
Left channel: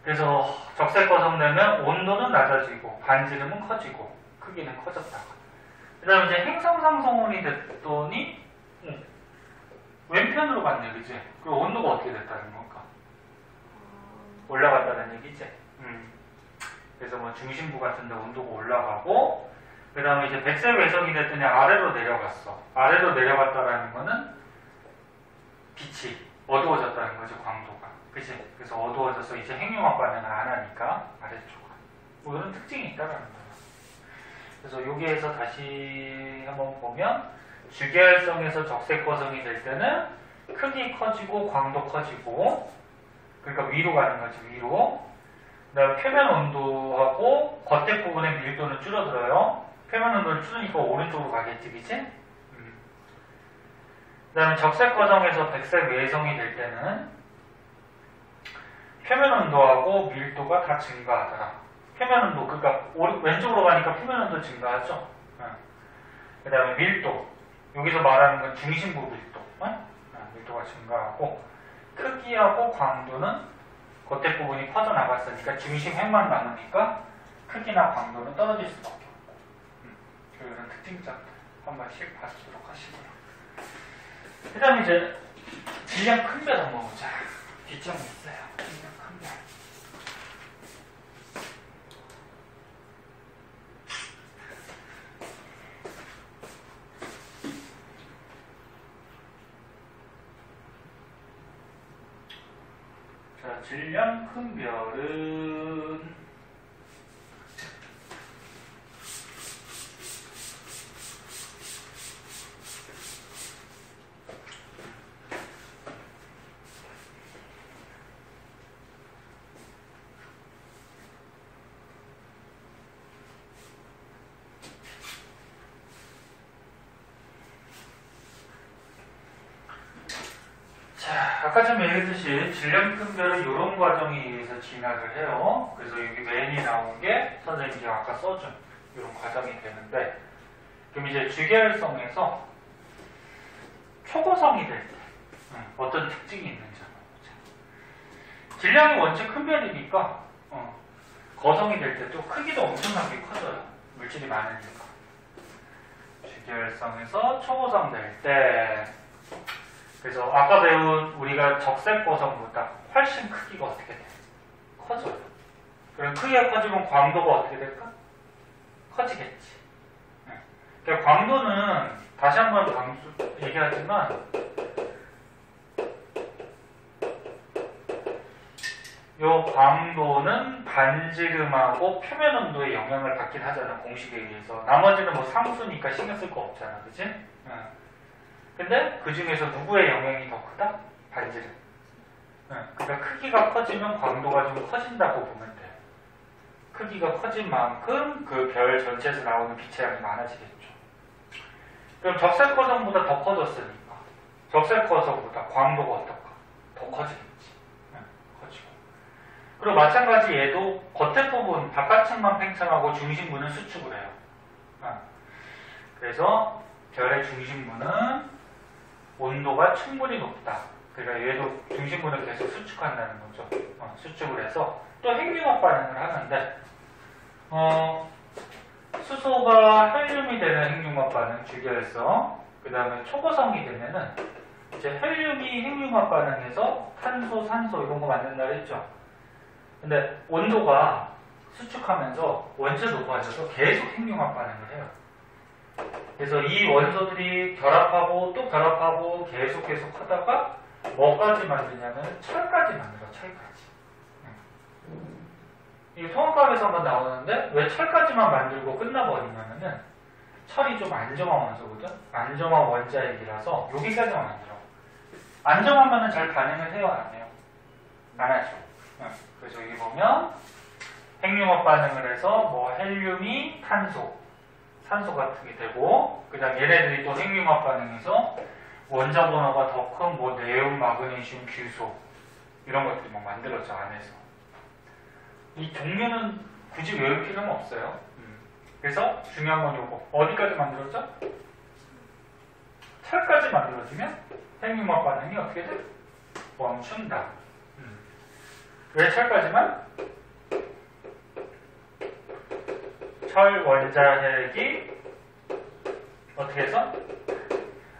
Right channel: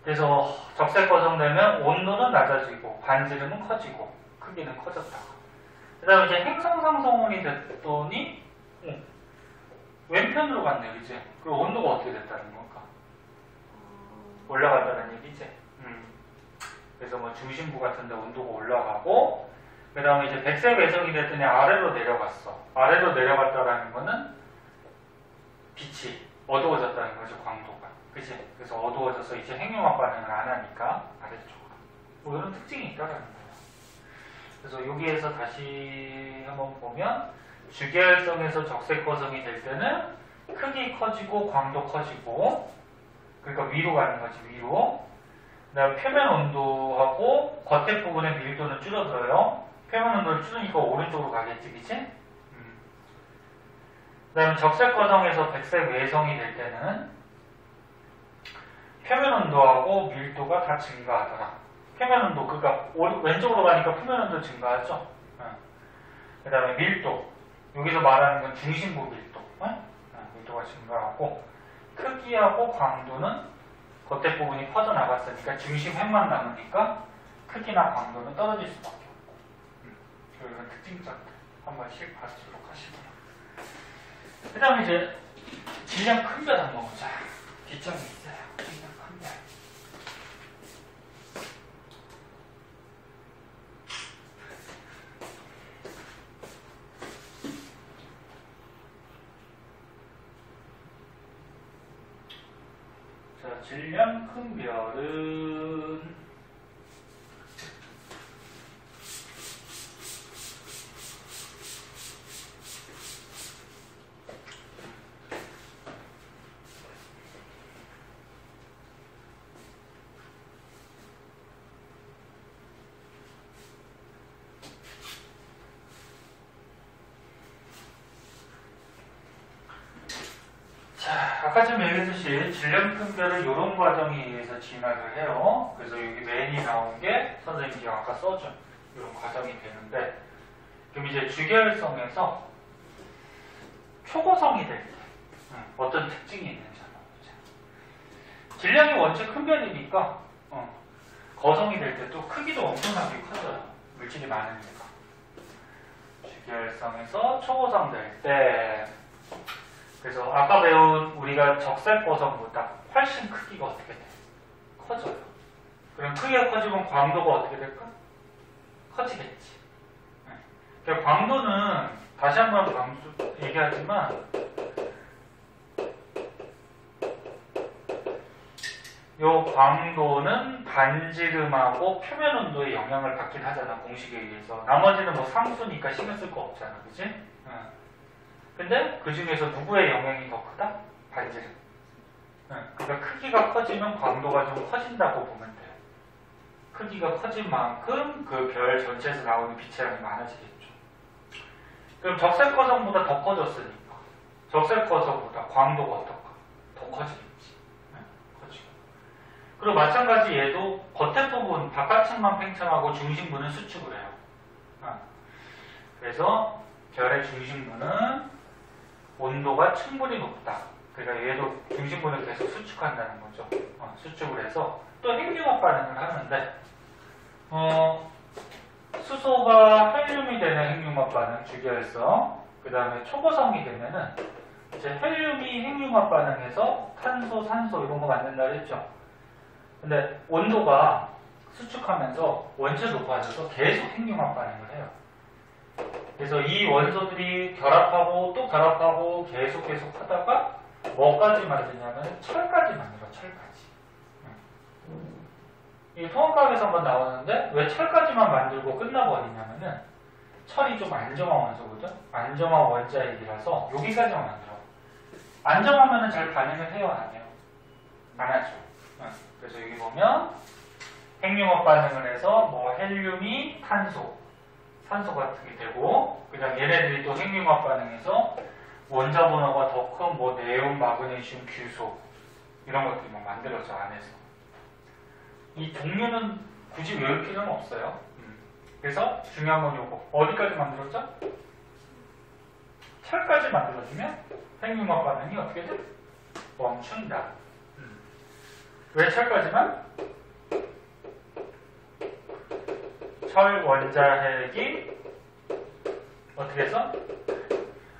그래서 적색 거성되면 온도는 낮아지고 반지름은 커지고 크기는 커졌다가. 그 다음에 이제 행성상 성운이 됐더니 왼편으로 갔네, 그지? 그리고 온도가 어떻게 됐다는 건가? 올라갔다는 얘기지? 그래서 뭐 중심부 같은 데 온도가 올라가고, 그 다음에 이제 백색 외성이 됐더니 아래로 내려갔어. 아래로 내려갔다라는 거는 빛이 어두워졌다는 거지, 광도가. 그치? 그래서 어두워져서 이제 핵융합 반응을 안 하니까 아래쪽으로. 뭐 이런 특징이 있다라는 거야. 그래서 여기에서 다시 한번 보면 주계열성에서 적색 거성이 될 때는 크기 커지고 광도 커지고, 그러니까 위로 가는 거지, 위로. 그 다음에 표면 온도하고 겉에 부분의 밀도는 줄어들어요. 표면 온도를 줄이니까 오른쪽으로 가겠지, 그치? 그 다음에 적색 거성에서 백색 외성이 될 때는 표면 온도하고 밀도가 다 증가하더라. 표면 온도, 그러니까 왼쪽으로 가니까 표면 온도 증가하죠. 그 다음에 밀도, 여기서 말하는 건 중심부 밀도, 밀도가 증가하고, 크기하고 광도는 겉에 부분이 퍼져나갔으니까 중심 핵만 남으니까 크기나 광도는 떨어질 수밖에 없고. 이런 특징점들 한 번씩 봐주도록 하시고요. 그 다음에 이제 질량 큰 별 한번 보자. 뒷점이 있어요. 질량 큰 별. 자, 질량 큰 별은 아까 좀 얘기했듯이 질량 큰 별은 이런 과정에 의해서 진화를 해요. 그래서 여기 맨이 나온 게 선생님이 아까 써준 이런 과정이 되는데, 그럼 이제 주계열성에서 초고성이 될 때 어떤 특징이 있는지 한번 보자. 질량이 원체 큰 별이니까 거성이 될 때 또 크기도 엄청나게 커져요. 물질이 많으니까. 주계열성에서 초고성 될 때, 그래서 아까 배운 우리가 적색 거성보다 훨씬 크기가 어떻게 돼? 커져요. 그럼 크기가 커지면 광도가 어떻게 될까? 커지겠지. 그러니까 광도는 다시 한번 얘기하지만 요 광도는 반지름하고 표면 온도에 영향을 받긴 하잖아, 공식에 의해서. 나머지는 뭐 상수니까 신경 쓸 거 없잖아, 그치? 근데 그 중에서 누구의 영향이 더 크다? 반지름. 그러니까 크기가 커지면 광도가 좀 커진다고 보면 돼. 크기가 커진 만큼 그 별 전체에서 나오는 빛의 양이 많아지겠죠. 그럼 적색 거성보다 더 커졌으니까 적색 거성보다 광도가 어떨까? 더 커지겠지. 커지고. 그리고 마찬가지 얘도 겉에 부분 바깥층만 팽창하고 중심부는 수축을 해요. 그래서 별의 중심부는 온도가 충분히 높다. 그러니까 얘도 중심부는 계속 수축한다는 거죠. 수축을 해서 또 핵융합 반응을 하는데 수소가 헬륨이 되는 핵융합 반응 주기혈성, 그 다음에 초고성이 되면은 이제 헬륨이 핵융합 반응해서 탄소, 산소 이런 거 만든다 그랬죠. 근데 온도가 수축하면서 원체 높아져서 계속 핵융합 반응을 해요. 그래서 이 원소들이 결합하고 또 결합하고 계속 하다가 뭐까지 만드냐면 철까지 만들어, 철까지. 이 통합각에서 한번 나오는데 왜 철까지만 만들고 끝나버리냐면은 철이 좀 안정화 원소거든? 안정화 원자핵이라서 여기까지만 만들어. 안정화면은 잘 반응을 해요, 안 해요? 안 하죠. 그래서 여기 보면 핵융합 반응을 해서 뭐 헬륨이 탄소, 산소 같은 게 되고, 그 다음 얘네들이 또 핵융합 반응해서 원자 번호가 더 큰 뭐 네온, 마그네슘, 규소 이런 것들이 막 만들어져 안에서. 이 종류는 굳이 외울 필요는 없어요. 그래서 중요한 건 요거. 어디까지 만들었죠? 철까지 만들어지면 핵융합 반응이 어떻게 돼? 멈춘다. 왜 철까지만? 철 원자핵이 어떻게 해서?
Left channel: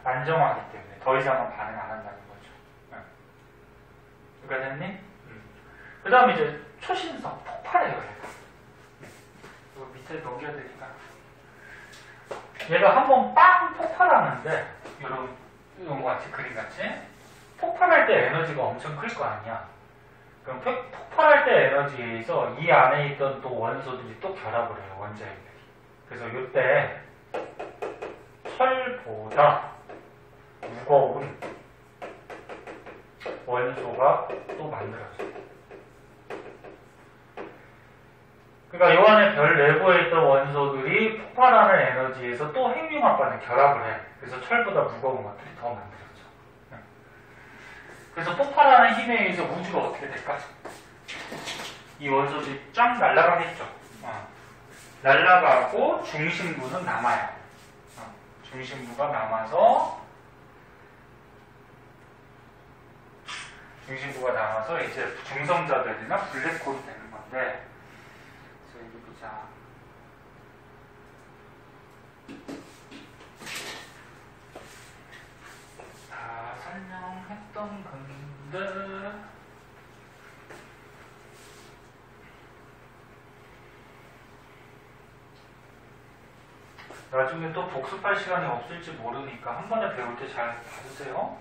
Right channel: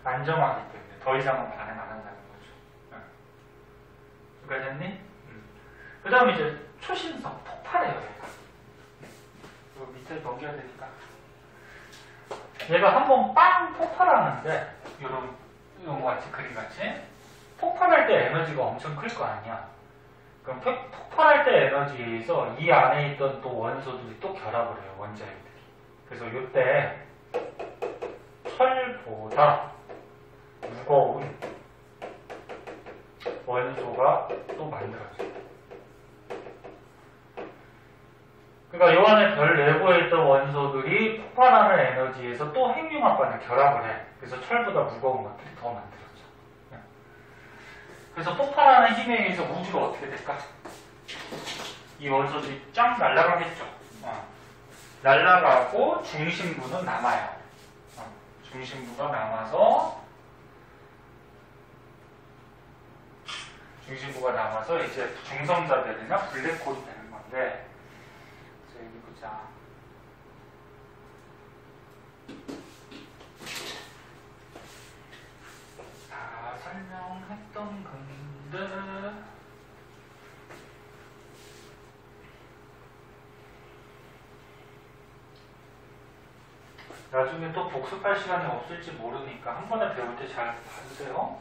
안정화하기 때문에 더 이상은 반응 안 한다는 거죠. 여기까지 했니? 그 다음에 이제 초신성, 폭발해요, 얘가. 이거 밑에 넘겨야 되니까. 얘가 한번 빵 폭발하는데, 이런 거 같이, 그림 같이. 폭발할 때 에너지가 엄청 클 거 아니야. 그럼 폭발할 때 에너지에 의해서 이 안에 있던 또 원소들이 또 결합을 해요, 원자핵들이. 그래서 이때 철보다 무거운 원소가 또 만들어져요. 그러니까 요 안에 별 내부에 있던 원소들이 폭발하는 에너지에서 또 핵융합 반응 결합을 해. 그래서 철보다 무거운 것들이 더 만들어져. 그래서 폭발하는 힘에 의해서 우주가 어떻게 될까? 이 원소들이 쫙 날아가겠죠. 날아가고 중심부는 남아요. 중심부가 남아서 이제 중성자별이나 블랙홀이 되는 건데, 그래서 여기 보자. 다 설명했던 건데, 나중에 또 복습할 시간이 없을지 모르니까 한 번에 배울 때 잘 봐주세요.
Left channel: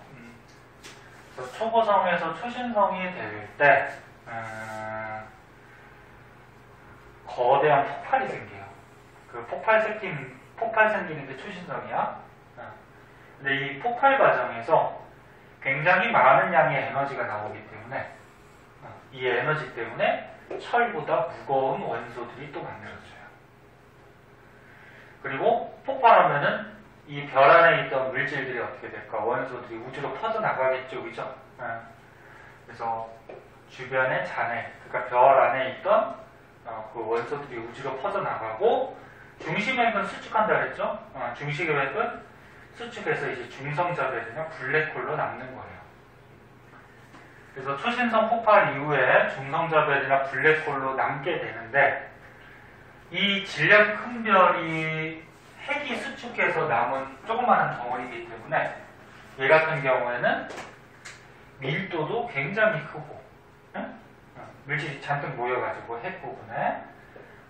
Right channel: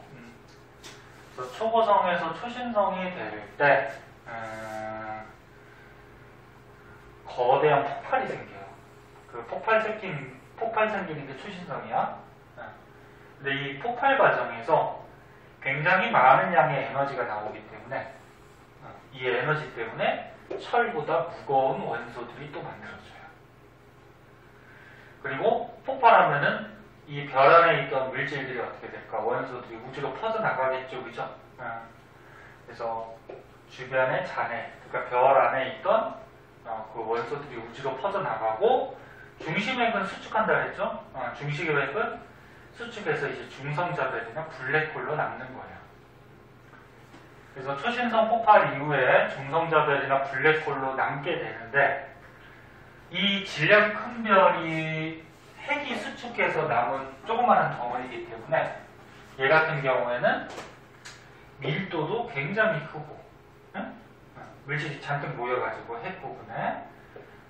그래서 초고성에서 초신성이 될 때 거대한 폭발이 생겨요. 그 폭발 생기는 게 초신성이야. 근데 이 폭발 과정에서 굉장히 많은 양의 에너지가 나오기 때문에 이 에너지 때문에 철보다 무거운 원소들이 또 만들어져요. 그리고 폭발하면은 이 별 안에 있던 물질들이 어떻게 될까? 원소들이 우주로 퍼져나가겠죠, 그죠? 그래서 주변의 잔해, 그러니까 별 안에 있던 그 원소들이 우주로 퍼져나가고, 중심핵은 수축한다 그랬죠? 중심핵은 수축해서 이제 중성자별이나 블랙홀로 남는 거예요. 그래서 초신성 폭발 이후에 중성자별이나 블랙홀로 남게 되는데, 이 질량 큰 별이 핵이 수축해서 남은 조그마한 덩어리이기 때문에 얘 같은 경우에는 밀도도 굉장히 크고, 물질이 잔뜩 모여가지고 핵 부분에,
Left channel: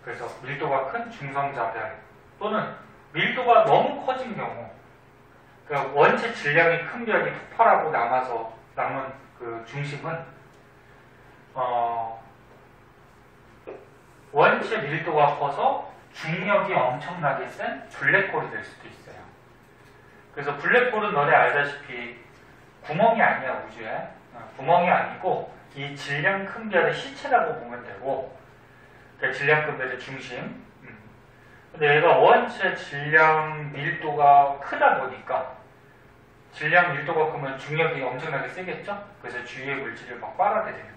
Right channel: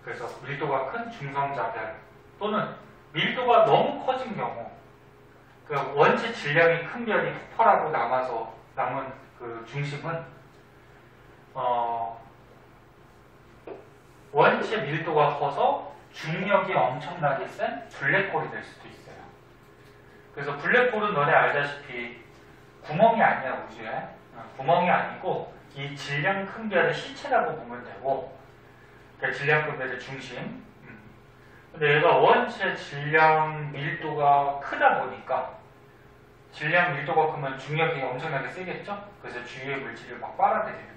그래서 밀도가 큰 중성자별 또는 밀도가 너무 커진 경우, 그러니까 원체 질량이 큰 별이 폭발하고 남은 그 중심은 원체 밀도가 커서 중력이 엄청나게 센 블랙홀이 될 수도 있어요. 그래서 블랙홀은 너네 알다시피 구멍이 아니야, 우주에. 구멍이 아니고 이 질량 큰 별의 시체라고 보면 되고, 그러니까 질량 큰 별의 중심. 근데 얘가 원체 질량 밀도가 크다 보니까, 질량 밀도가 크면 중력이 엄청나게 세겠죠? 그래서 주위의 물질을 막 빨아들이는,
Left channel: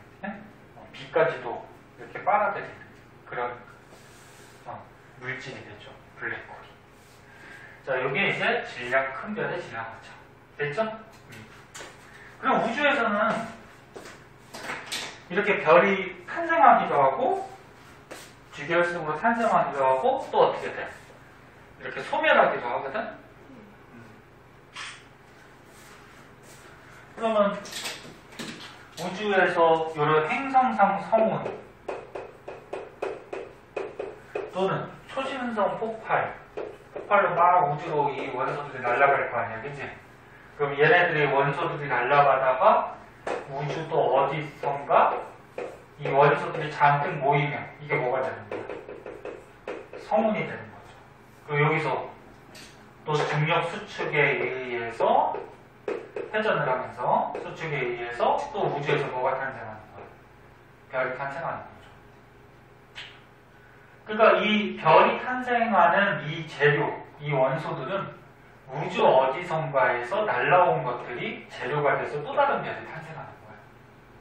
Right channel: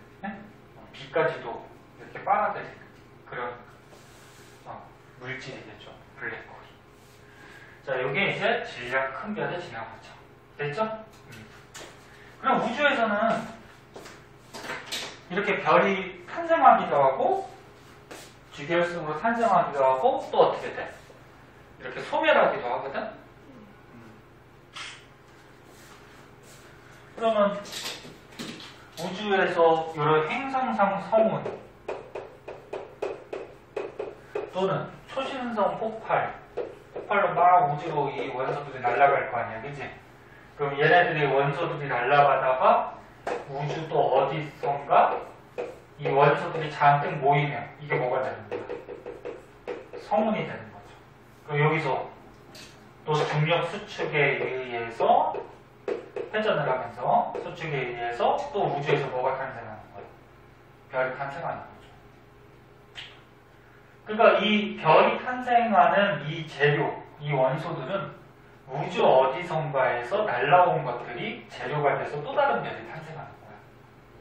비까지도 이렇게 빨아들이는 그런 물질이 되죠, 블랙홀이. 자, 여기에 이제 질량 큰 별에 지나가죠. 됐죠? 그럼 우주에서는 이렇게 별이 큰 탄생하기도 하고 주기혈성으로 탄생하기도 하고 또 어떻게 돼? 이렇게 소멸하기도 하거든? 그러면 우주에서 이런 행성상 성운 또는 초신성 폭발로 막 우주로 이 원소들이 날아갈 거 아니야, 그치? 그럼 얘네들이 원소들이 날아가다가 우주 또 어디선가 이 원소들이 잔뜩 모이면 이게 뭐가 되는 거야? 성운이 되는 거죠. 그리고 여기서 또 중력 수축에 의해서 회전을 하면서 수축에 의해서 또 우주에서 뭐가 탄생하는 거야? 별이 탄생하는 거죠. 그러니까 이 별이 탄생하는 이 재료, 이 원소들은 우주 어디선가에서 날라온 것들이 재료가 돼서 또 다른 별이 탄생하는 거야.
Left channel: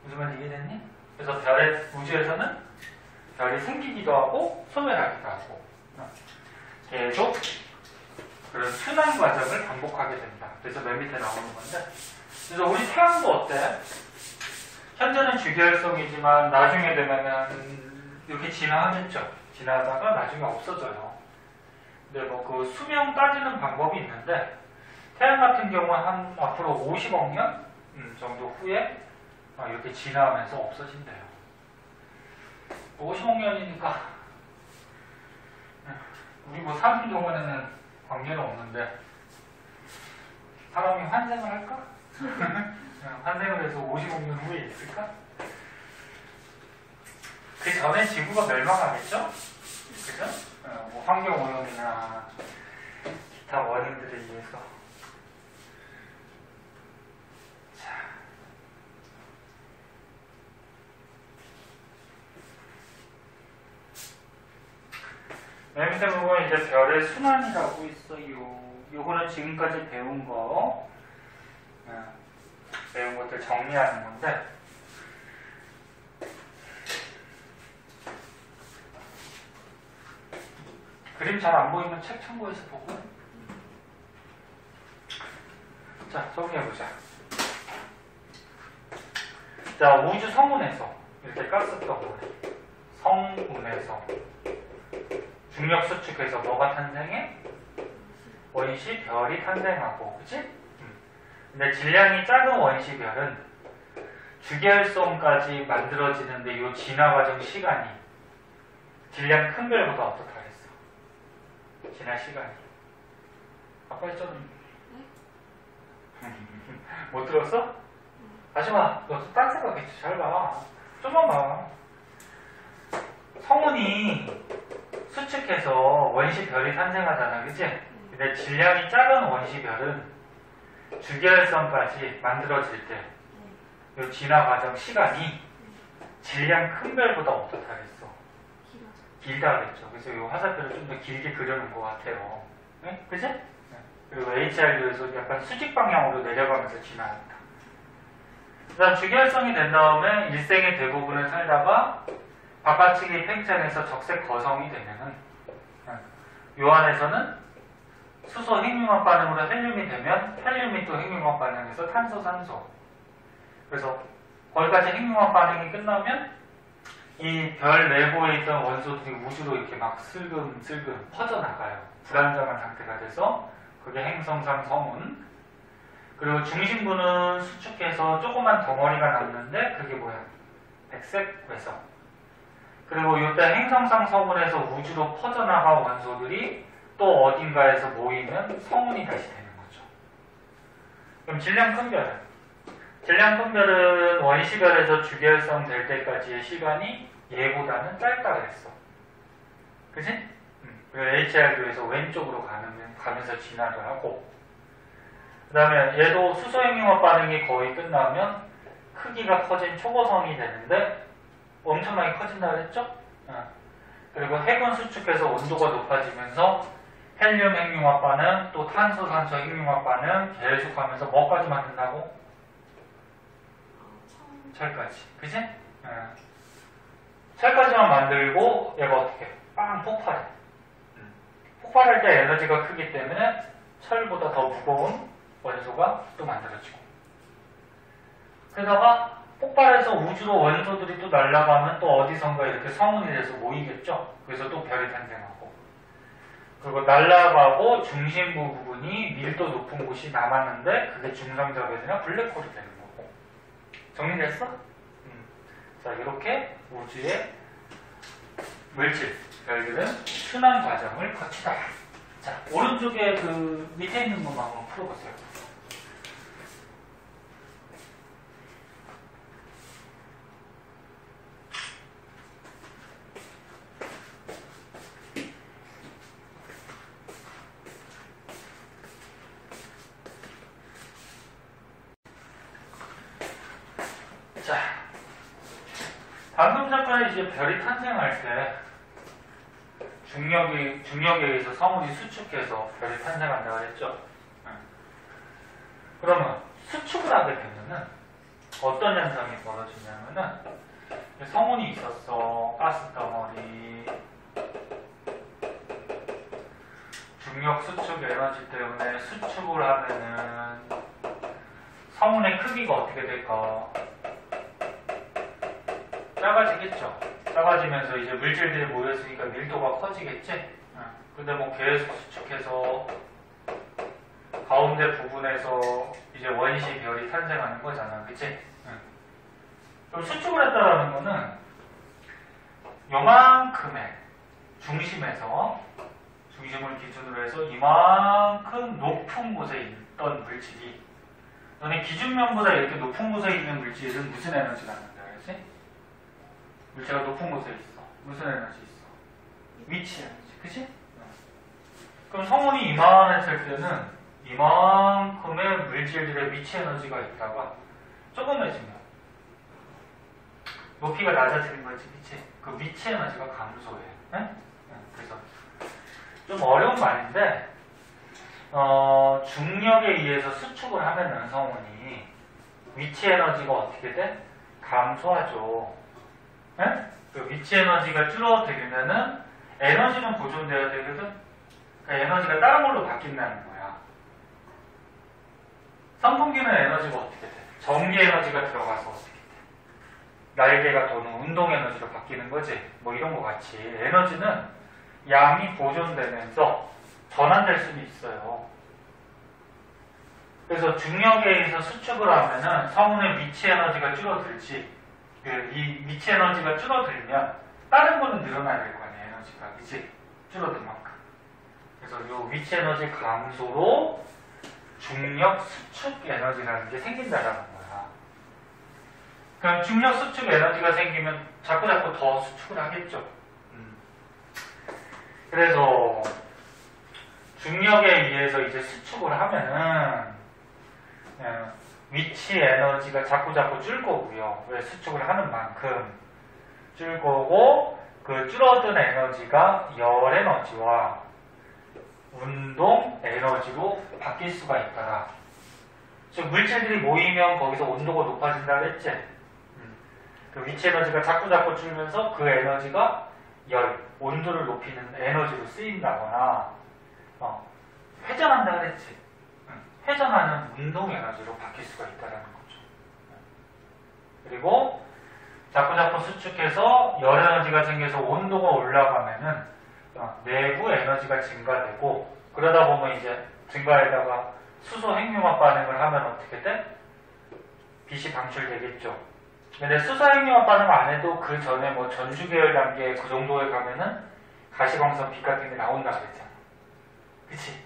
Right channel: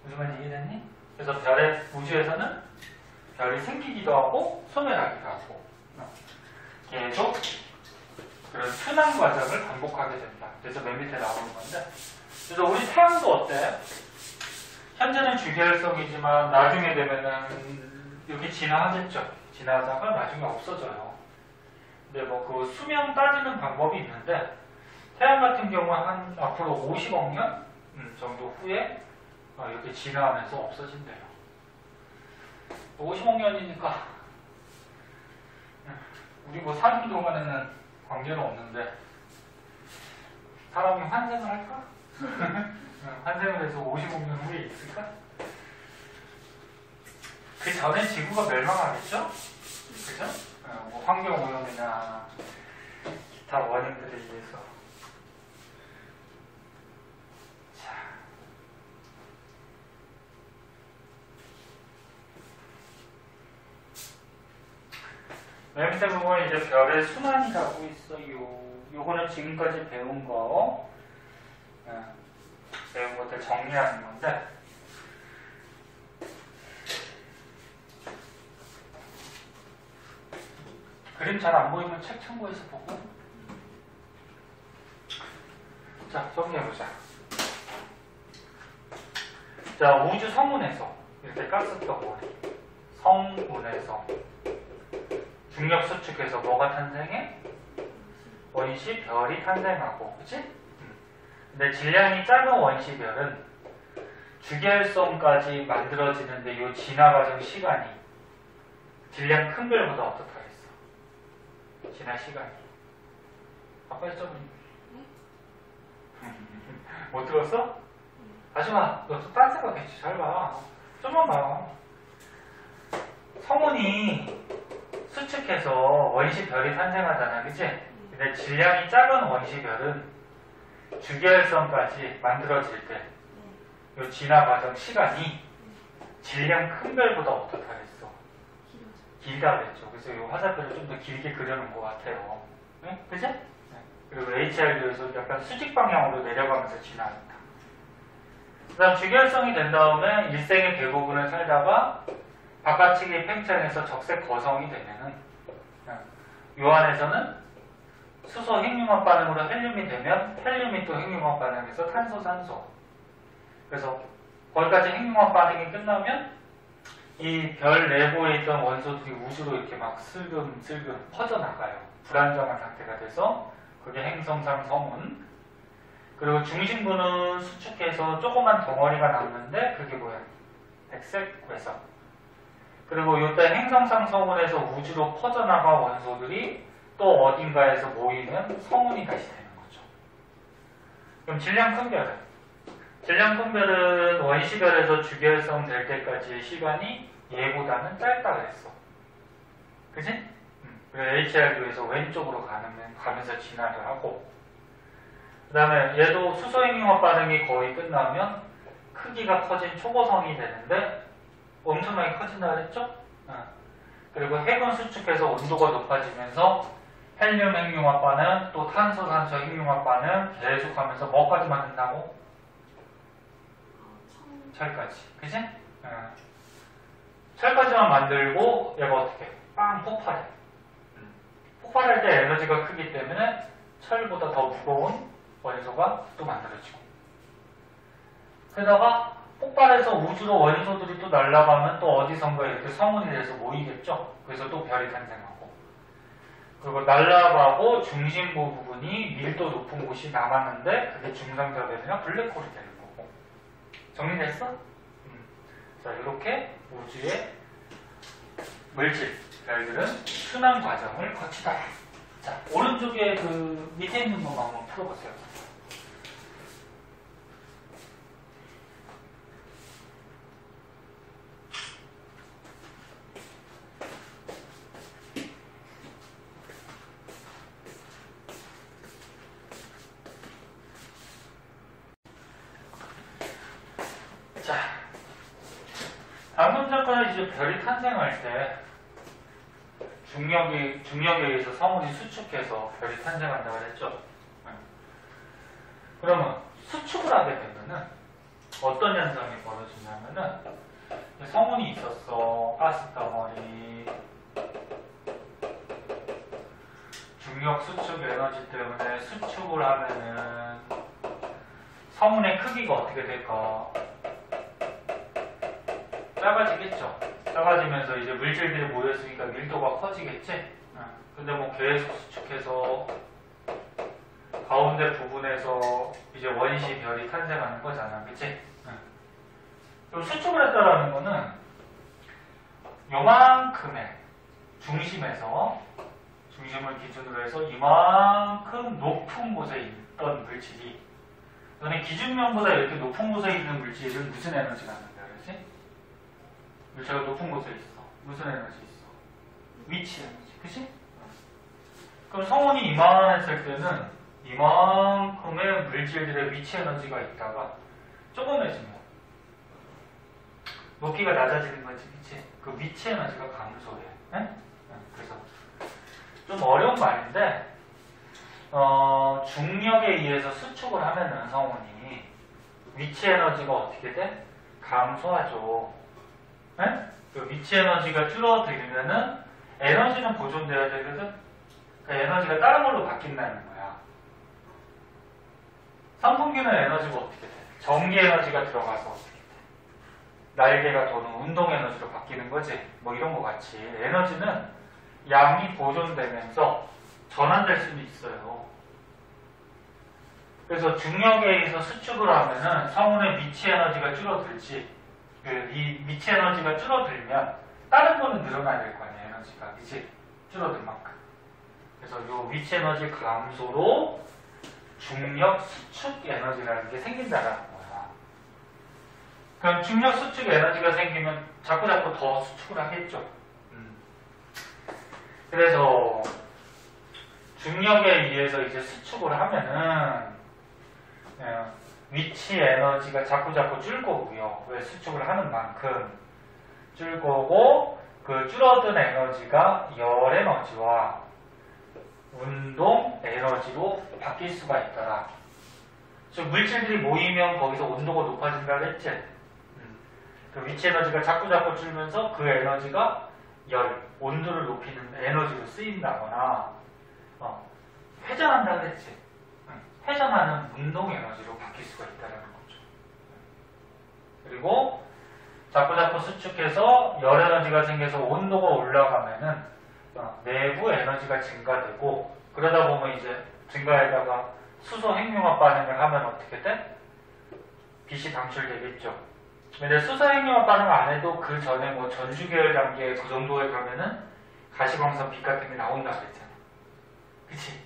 무슨 말인지 이해됐니? 그래서 우주에서는 별이 생기기도 하고 소멸하기도 하고 계속 그런 순환 과정을 반복하게 된다. 그래서 맨 밑에 나오는 건데, 그래서 우리 태양도 어때? 현재는 주계열성이지만 나중에 되면은 이렇게 진화하겠죠. 지나다가 나중에 없어져요. 근데 뭐 그 수명 따지는 방법이 있는데 태양 같은 경우는 한 앞으로 50억 년 정도 후에 이렇게 진화하면서 없어진대요. 50억 년이니까 우리 뭐 사는 동안에는 관계는 없는데 사람이 환생을 할까? 환생을 해서 50억 년 후에 있을까? 그 전에 지구가 멸망하겠죠? 그죠? 뭐 환경오염이나 기타 원인들에 의해서. 자. 맨 밑에 부분은 이제 별의 순환이라고 있어요. 요거는 지금까지 배운 것들 정리하는 건데, 그림 잘 안 보이면 책 참고해서 보고. 자, 정리해보자. 자, 우주 성운에서 이렇게 가스 덩어리, 성운에서 중력 수축해서 뭐가 탄생해? 원시 별이 탄생하고, 그치? 근데 질량이 작은 원시 별은 주계열성까지 만들어지는데 이 진화 과정 시간이 질량 큰 별보다 어떻다 그랬어? 진화 시간이. 아까 했잖아. 못 들었어? 하지마. 너 딴 생각했지. 잘 봐. 좀만 봐. 성운이 수축해서 원시 별이 탄생하잖아. 그치? 근데 질량이 작은 원시 별은 주계열성까지 만들어질 때 이 진화 과정 시간이 질량 큰 별보다 어떻다 그랬어? 길다 그랬죠. 그래서 이 화살표를 좀 더 길게 그려놓은 것 같아요. 네? 그치? 네. 그리고 HRU에서 약간 수직 방향으로 내려가면서 진화합니다. 그 다음 주계열성이 된 다음에 일생의 대부분을 살다가 바깥치기 팽창해서 적색 거성이 되면은 요 안에서는 수소 핵융합 반응으로 헬륨이 되면 헬륨이 또 핵융합 반응해서 탄소 산소. 그래서 거기까지 핵융합 반응이 끝나면 이 별 내부에 있던 원소들이 우주로 이렇게 막 슬금슬금 퍼져나가요. 불안정한 상태가 돼서 그게 행성상 성운. 그리고 중심부는 수축해서 조그만 덩어리가 남는데 그게 뭐야? 백색 외성. 그리고 이때 행성상 성운에서 우주로 퍼져나간 원소들이 또 어딘가에서 모이면 성운이 다시 되는 거죠. 그럼 질량 큰 별은? 질량 큰 별은 원시별에서 주계열성 될 때까지의 시간이 얘보다는 짧다 그랬어. 그치? 그리고 HRU에서 왼쪽으로 가면서 진화를 하고, 그 다음에 얘도 수소핵융합 반응이 거의 끝나면 크기가 커진 초고성이 되는데 엄청나게 커진다 그랬죠? 그리고 핵은 수축해서 온도가 높아지면서 헬륨 핵융합 반응, 또 탄소, 산소 핵융합 반응 계속하면서 뭐까지 만든다고? 철까지. 그치? 철까지만 만들고 얘가 어떻게? 빵 폭발해. 폭발할 때 에너지가 크기 때문에 철보다 더 무거운 원소가 또 만들어지고. 게다가 폭발해서 우주로 원소들이 또 날아가면 또 어디선가 이렇게 성운이 돼서 모이겠죠. 그래서 또 별이 탄생하고. 그리고 날아가고 중심부 부분이 밀도 높은 곳이 남았는데 그게 중성자별이나 블랙홀이 되는 거고. 정리됐어? 자, 이렇게 우주의 물질, 별들은 순환 과정을 거치다. 자, 오른쪽에 그 밑에 있는 것만 한번 풀어보세요. 자, 방금 전까지 이제 별이 탄생할 때 중력에 의해서 성운이 수축해서 별이 탄생한다고 그랬죠. 그러면 수축을 하게 되면은 어떤 현상이 벌어지냐면은 성운이 있었어. 가스덩어리. 중력 수축 에너지 때문에 수축을 하면은 성운의 크기가 어떻게 될까? 작아지겠죠. 작아지면서 이제 물질들이 모였으니까 밀도가 커지겠지. 근데 뭐 계속 수축해서 가운데 부분에서 이제 원시 별이 탄생하는 거잖아, 그치? 그럼 수축을 했다라는 거는 요만큼의 중심에서 중심을 기준으로 해서 이만큼 높은 곳에 있던 물질이 너네 기준면보다 이렇게 높은 곳에 있는 물질은 무슨 에너지가 난다 그랬지? 물체가 높은 곳에 있어. 무슨 에너지 있어? 위치 에너지, 그치? 그럼 성운이 이만했을 때는 이만큼의 물질들의 위치 에너지가 있다가 조금해지면 높이가 낮아지는 거지, 그치? 그 위치 에너지가 감소해. 그래서 좀 어려운 말인데 중력에 의해서 수축을 하면은 성운이 위치 에너지가 어떻게 돼? 감소하죠. 그 위치 에너지가 줄어들면은 에너지는 보존돼야 되거든. 그 에너지가 다른 걸로 바뀐다는 거야. 선풍기는 에너지가 어떻게 돼? 전기 에너지가 들어가서 어떻게 돼? 날개가 도는 운동 에너지로 바뀌는 거지. 뭐 이런 거 같이 에너지는 양이 보존되면서 전환될 수는 있어요. 그래서 중력에 의해서 수축을 하면은 성운의 위치 에너지가 줄어들지. 이 위치 에너지가 줄어들면 다른 거는 늘어나야 될 거 아니야, 에너지가. 그치? 줄어든 만큼. 그래서 이 위치 에너지 감소로 중력 수축 에너지라는 게 생긴다라는 거야. 그럼 중력 수축 에너지가 생기면 자꾸 더 수축을 하겠죠. 그래서 중력에 의해서 이제 수축을 하면은 위치 에너지가 자꾸 줄 거고요. 왜 수축을 하는 만큼 줄 거고, 그 줄어든 에너지가 열 에너지와 운동 에너지로 바뀔 수가 있더라. 즉 물질들이 모이면 거기서 온도가 높아진다 그랬지? 그 위치 에너지가 자꾸 줄면서 그 에너지가 열, 온도를 높이는 에너지로 쓰인다거나 회전한다 그랬지? 회전하는 운동 에너지로 바뀔 수가 있다는 거죠. 그리고 자꾸 수축해서 열 에너지가 생겨서 온도가 올라가면은 내부 에너지가 증가되고, 그러다 보면 이제 증가에다가 수소 핵융합 반응을 하면 어떻게 돼? 빛이 방출되겠죠. 근데 수소 핵융합 반응 안 해도 그 전에 뭐 전주계열 단계 그 정도에 가면은 가시광선 빛 같은 게 나온다 그랬잖아. 그치?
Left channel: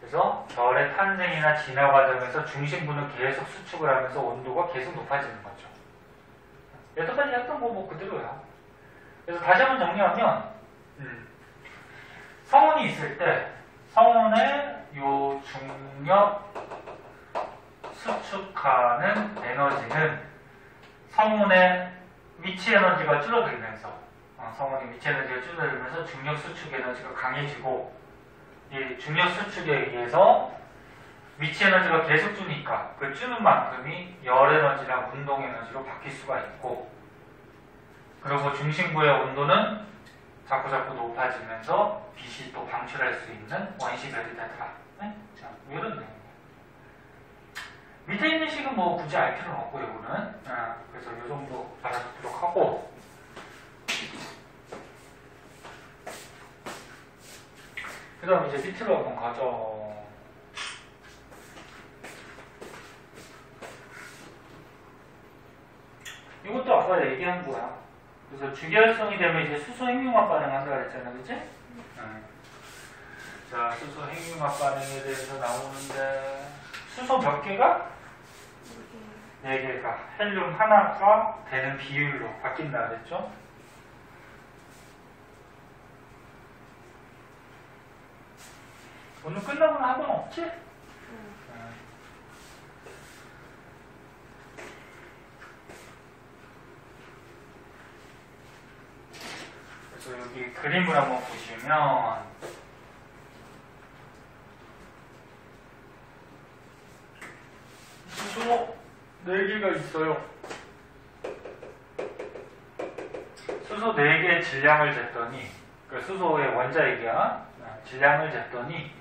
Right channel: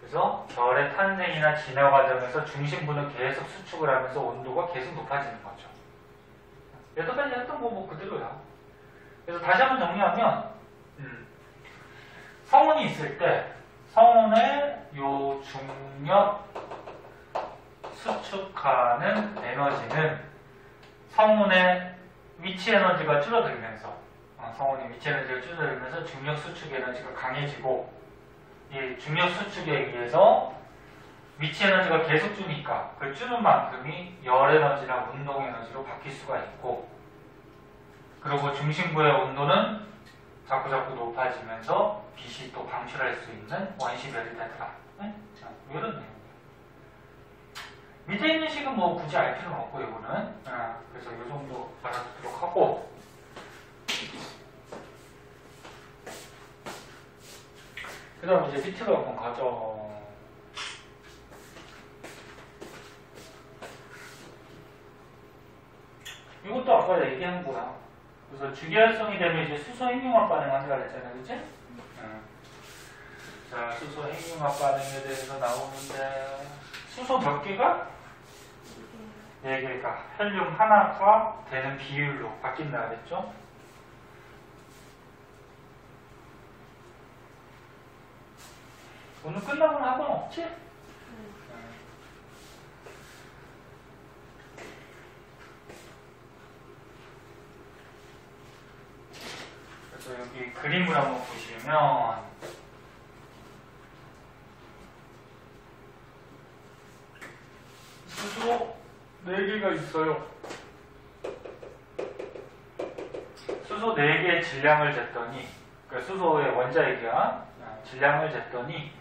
그래서 별의 탄생이나 진화 과정에서 중심부는 계속 수축을 하면서 온도가 계속 높아지는 거죠. 여태까지 했던 거 뭐 그대로야. 그래서 다시 한번 정리하면 성운이 있을 때 성운의 요 중력 수축하는 에너지는 성운의 위치 에너지가 줄어들면서 성운의 위치 에너지가 줄어들면서 중력 수축 에너지가 강해지고, 이 중력 수축에 의해서 위치 에너지가 계속 주니까 그 주는 만큼이 열 에너지나 운동 에너지로 바뀔 수가 있고, 그리고 중심부의 온도는 자꾸 높아지면서 빛이 또 방출할 수 있는 원시별이 되더라. 네? 자, 이런 내용이에요. 밑에 있는 식은 뭐 굳이 알 필요는 없고 이거는 그래서 이 정도 알아두도록 하고 그 다음 이제 밑으로 한번 가죠. 이것도 아까 얘기한 거야. 그래서 주기활성이 되면 이제 수소 핵융합 반응한다 그랬잖아, 그치? 자, 수소 핵융합 반응에 대해서 나오는데 수소 몇 개가? 4개가 헬륨 하나가 되는 비율로 바뀐다 그랬죠? 오늘 끝나고는 학원 없지? 그래서 여기 그림을 한번 보시면 수소 4개가 있어요. 수소 4개의 질량을 쟀더니 그러니까 수소의 원자핵이야. 질량을 쟀더니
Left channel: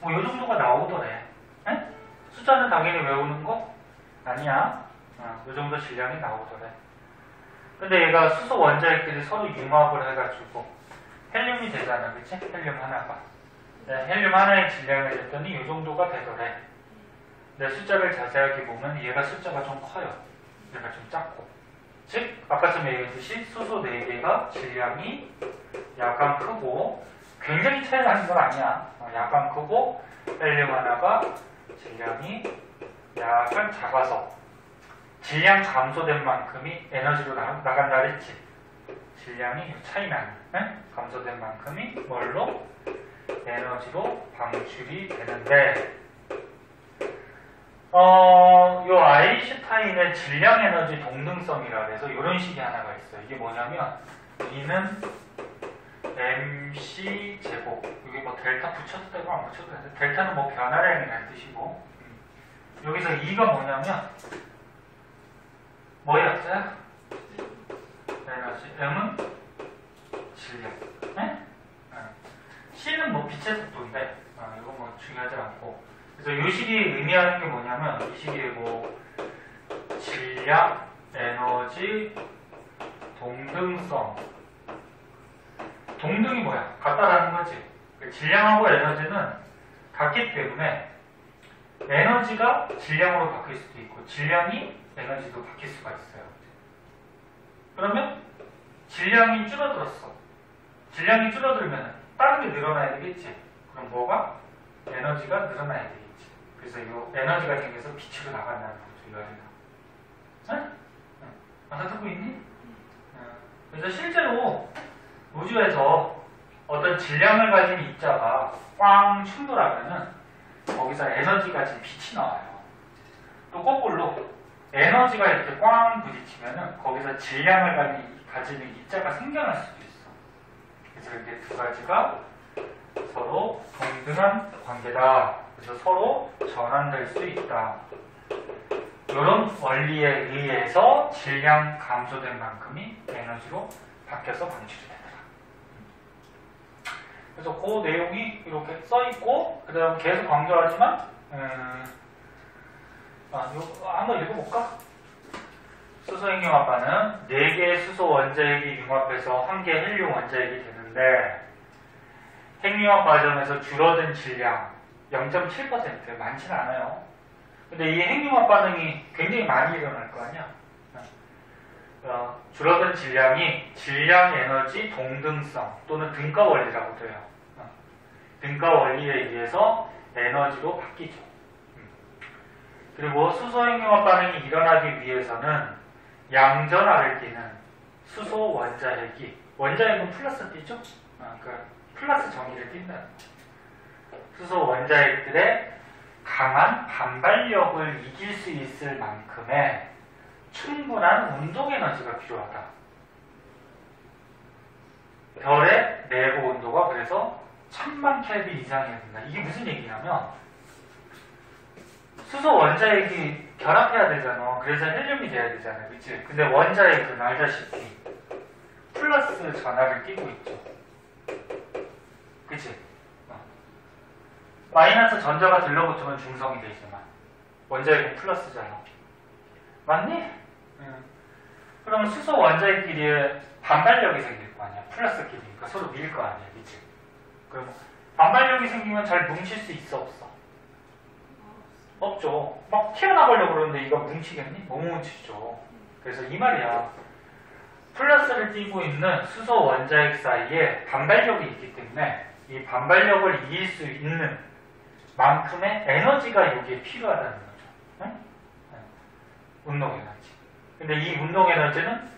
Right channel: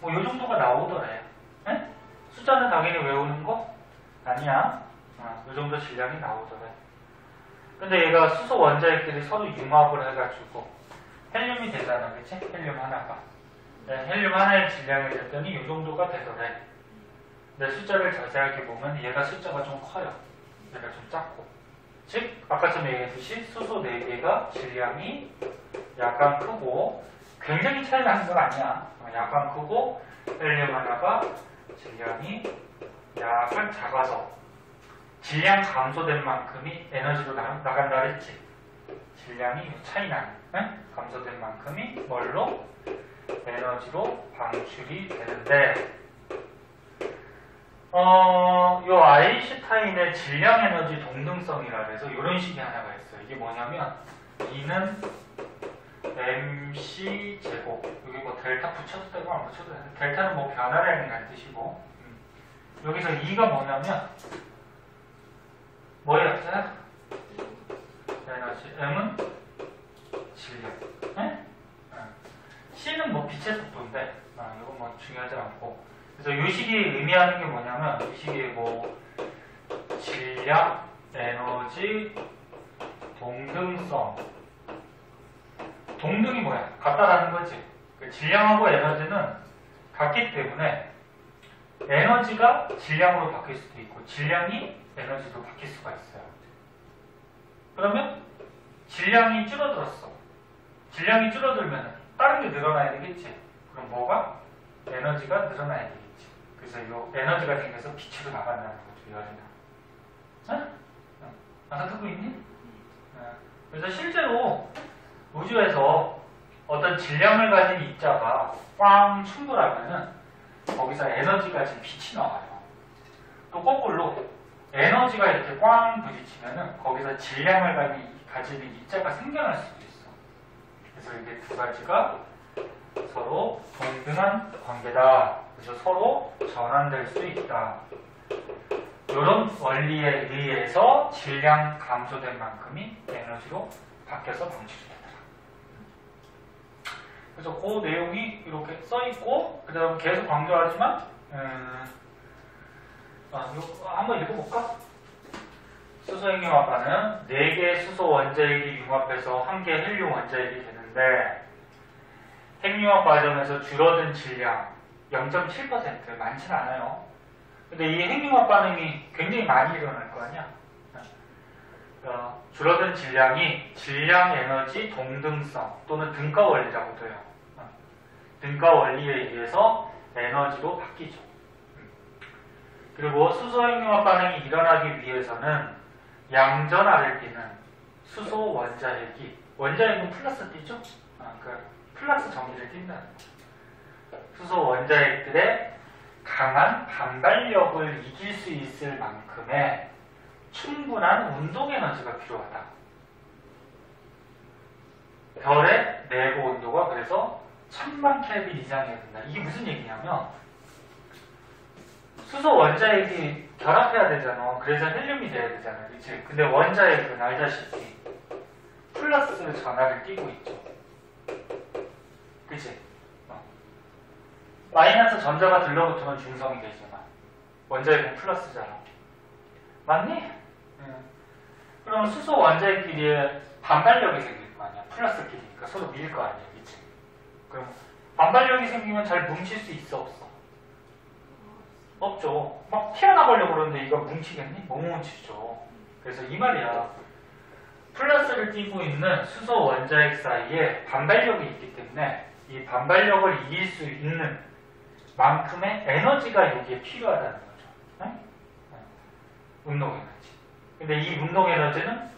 뭐 이 정도가 나오더래. 에? 숫자는 당연히 외우는 거? 아니야. 이 정도 질량이 나오더래. 근데 얘가 수소 원자핵들이 서로 융합을 해가지고 헬륨이 되잖아, 그치? 헬륨 하나가. 네, 헬륨 하나의 질량을 쟀더니 이 정도가 되더래. 근데 숫자를 자세하게 보면 얘가 숫자가 좀 커요. 얘가 좀 작고. 즉, 아까 좀 얘기했듯이 수소 4개가 질량이 약간 크고 굉장히 차이 나는 건 아니야. 약간 크고 헬륨 하나가 질량이 약간 작아서 질량 감소된 만큼이 에너지로 나간다 그랬지. 질량이 차이 나는 감소된 만큼이 뭘로? 에너지로 방출이 되는데 요 아인슈타인의 질량 에너지 동등성이라 해서 이런 식이 하나가 있어요. 이게 뭐냐면 E는 MC 제곱 여기 뭐 델타 붙여도 되고 안 붙여도 되는데 델타는 뭐 변화량이라는 뜻이고 여기서 E가 뭐냐면 뭐였어요? 에너지 M은 질량 C는 뭐 빛의 속도인데 이건 뭐 중요하지 않고 그래서 이 식이 의미하는 게 뭐냐면 이 식이 뭐 질량, 에너지, 동등성 동등이 뭐야? 같다라는 거지. 그 질량하고 에너지는 같기 때문에 에너지가 질량으로 바뀔 수도 있고 질량이 에너지로 바뀔 수가 있어요. 그러면 질량이 줄어들었어. 질량이 줄어들면 다른 게 늘어나야 되겠지. 그럼 뭐가? 에너지가 늘어나야 되겠지. 그래서 이 에너지가 생겨서 빛으로 나간다는 거죠. 이 에너지가. 응? 알아듣고 있니? 그래서 실제로 우주에서 어떤 질량을 가진 입자가 꽝 충돌하면은 거기서 에너지 가진 빛이 나와요. 또 거꾸로 에너지가 이렇게 꽝 부딪히면은 거기서 질량을 가지는 입자가 생겨날 수도 있어. 그래서 이게 두 가지가 서로 동등한 관계다. 그래서 서로 전환될 수 있다. 이런 원리에 의해서 질량 감소된 만큼이 에너지로 바뀌어서 방출이 되더라. 그래서 그 내용이 이렇게 써있고 그 다음 계속 강조하지만 이거 한번 읽어볼까? 수소 핵융합반은 4개의 수소 원자핵이 융합해서 1개 헬륨 원자핵이 되는데 핵융합 과정에서 줄어든 질량 0.7% 많지는 않아요. 근데 이 핵융합 반응이 굉장히 많이 일어날 거 아니야. 줄어든 질량이 질량 에너지 동등성 또는 등가 원리라고도 해요. 등가 원리에 의해서 에너지로 바뀌죠. 그리고 수소 핵융합 반응이 일어나기 위해서는 양전 아래 띄는 수소 원자핵이 원자핵은 플러스 띄죠? 그러니까 플러스 정의를 띈다는 거예요. 수소 원자핵들의 강한 반발력을 이길 수 있을 만큼의 충분한 운동 에너지가 필요하다. 별의 내부 온도가 그래서 1000만 켈빈 이상이어야 된다. 이게 무슨 얘기냐면 수소 원자핵이 결합해야 되잖아. 그래서 헬륨이 돼야 되잖아. 그치? 근데 원자핵은 알다시피 플러스 전하를 띄고 있죠. 그치? 마이너스 전자가 들러붙으면 중성이 되지만 원자핵은 플러스잖아. 맞니? 응. 그러면 수소 원자핵끼리에 반발력이 생길 거 아니야. 플러스끼리니까 서로 밀 거 아니야. 그치? 그럼 반발력이 생기면 잘 뭉칠 수 있어, 없어? 없죠. 막 튀어나가려고 그러는데 이거 뭉치겠니? 못 뭉치죠. 그래서 이 말이야. 플러스를 띠고 있는 수소 원자핵 사이에 반발력이 있기 때문에 이 반발력을 이길 수 있는 만큼의 에너지가 여기에 필요하다는 거죠. 응? 운동 에너지. 근데 이 운동 에너지는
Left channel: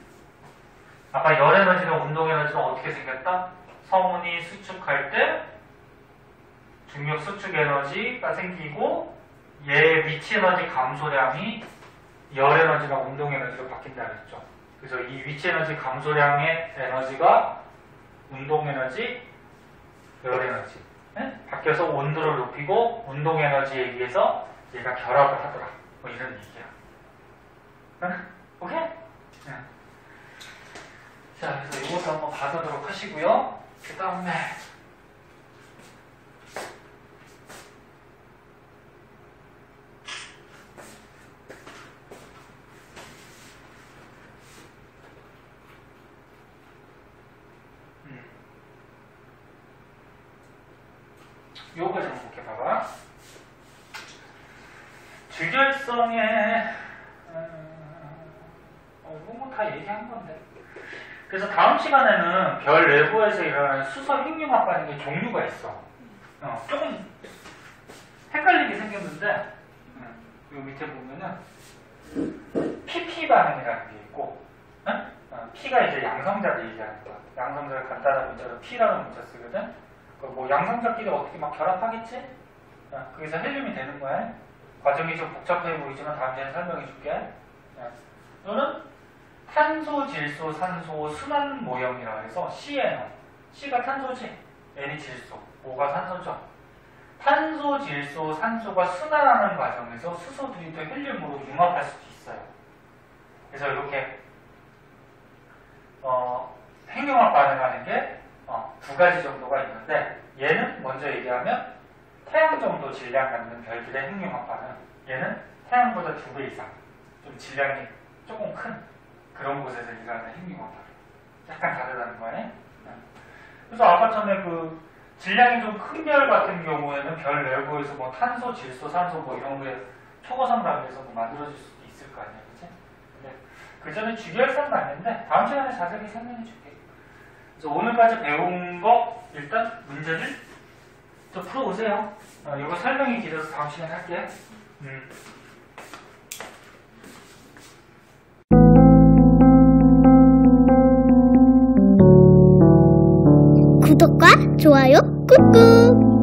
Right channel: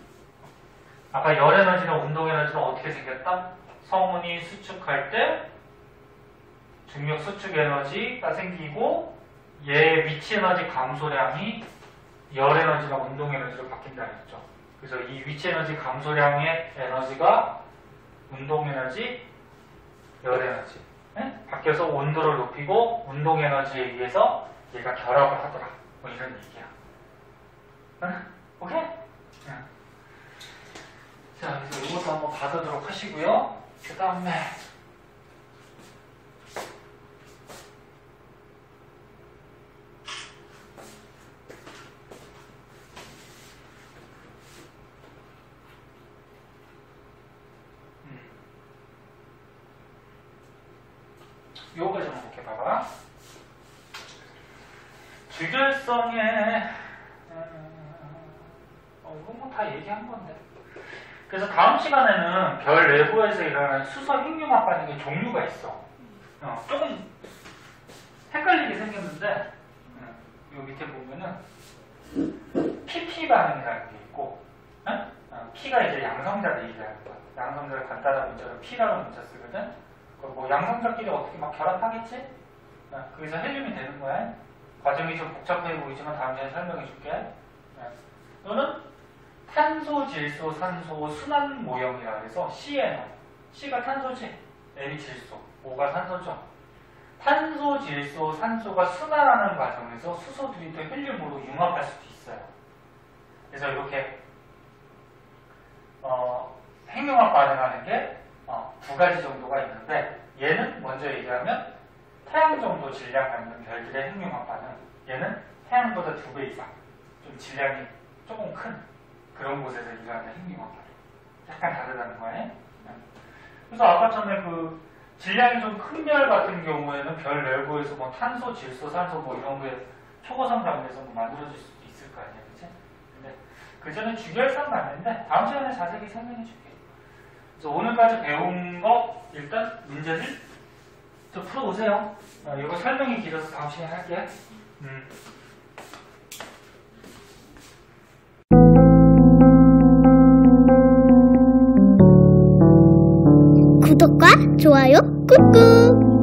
아까 열 에너지나 운동 에너지는 어떻게 생겼다? 성운이 수축할 때 중력 수축 에너지가 생기고 얘 위치 에너지 감소량이 열 에너지나 운동 에너지로 바뀐다 그랬죠. 그래서 이 위치 에너지 감소량의 에너지가 운동 에너지, 열 에너지 바뀌어서 온도를 높이고 운동 에너지에 의해서 얘가 결합을 하더라. 뭐 이런 얘기야. 오케이? 자, 그래서 이것도 한번 받아도록 하시고요. 그 다음에 요거 좀 이렇게 봐봐. 주결성에 이건 뭐 다 얘기한 건데. 그래서 다음 시간에는 별 내부에서 일어나는 수소 핵융합 반응의 종류가 있어. 조금 헷갈리게 생겼는데 요 밑에 보면은 PP 반응이라는 게 있고 P가 이제 양성자를 얘기하는 거야. 양성자를 간단한 문자로 P라는 문자 쓰거든. 뭐 양성자끼리 어떻게 막 결합하겠지? 거기서 헬륨이 되는 거야. 과정이 좀 복잡해 보이지만 다음 시간에 설명해 줄게. 이거는 탄소, 질소, 산소 순환 모형이라고 해서 CNO. C가 탄소지, N이 질소, O가 산소죠. 탄소, 질소, 산소가 순환하는 과정에서 수소들이 또 헬륨으로 융합할 수도 있어요. 그래서 이렇게 핵융합 반응하는 게 두 가지 정도가 있는데 얘는 먼저 얘기하면 태양 정도 질량 갖는 별들의 핵융합 반응. 얘는 태양보다 2배 이상 좀 질량이 조금 큰 그런 곳에서 일어나는 핵융합 반응. 약간 다르다는 거예요. 그래서 아까 전에 그 질량이 좀 큰 별 같은 경우에는 별 내부에서 뭐 탄소, 질소, 산소 뭐 이런 게 초고선 단위에서 뭐 만들어질 수도 있을 거 아니에요. 그치? 근데 그 전에 주결성 맞는데 다음 시간에 자세히 설명해 줄게요. 그래서 오늘까지 배운 거 일단 문제를 좀 풀어오세요. 이거 설명이 길어서 다음 시간에 할게. 구독과 좋아요 꾹꾹.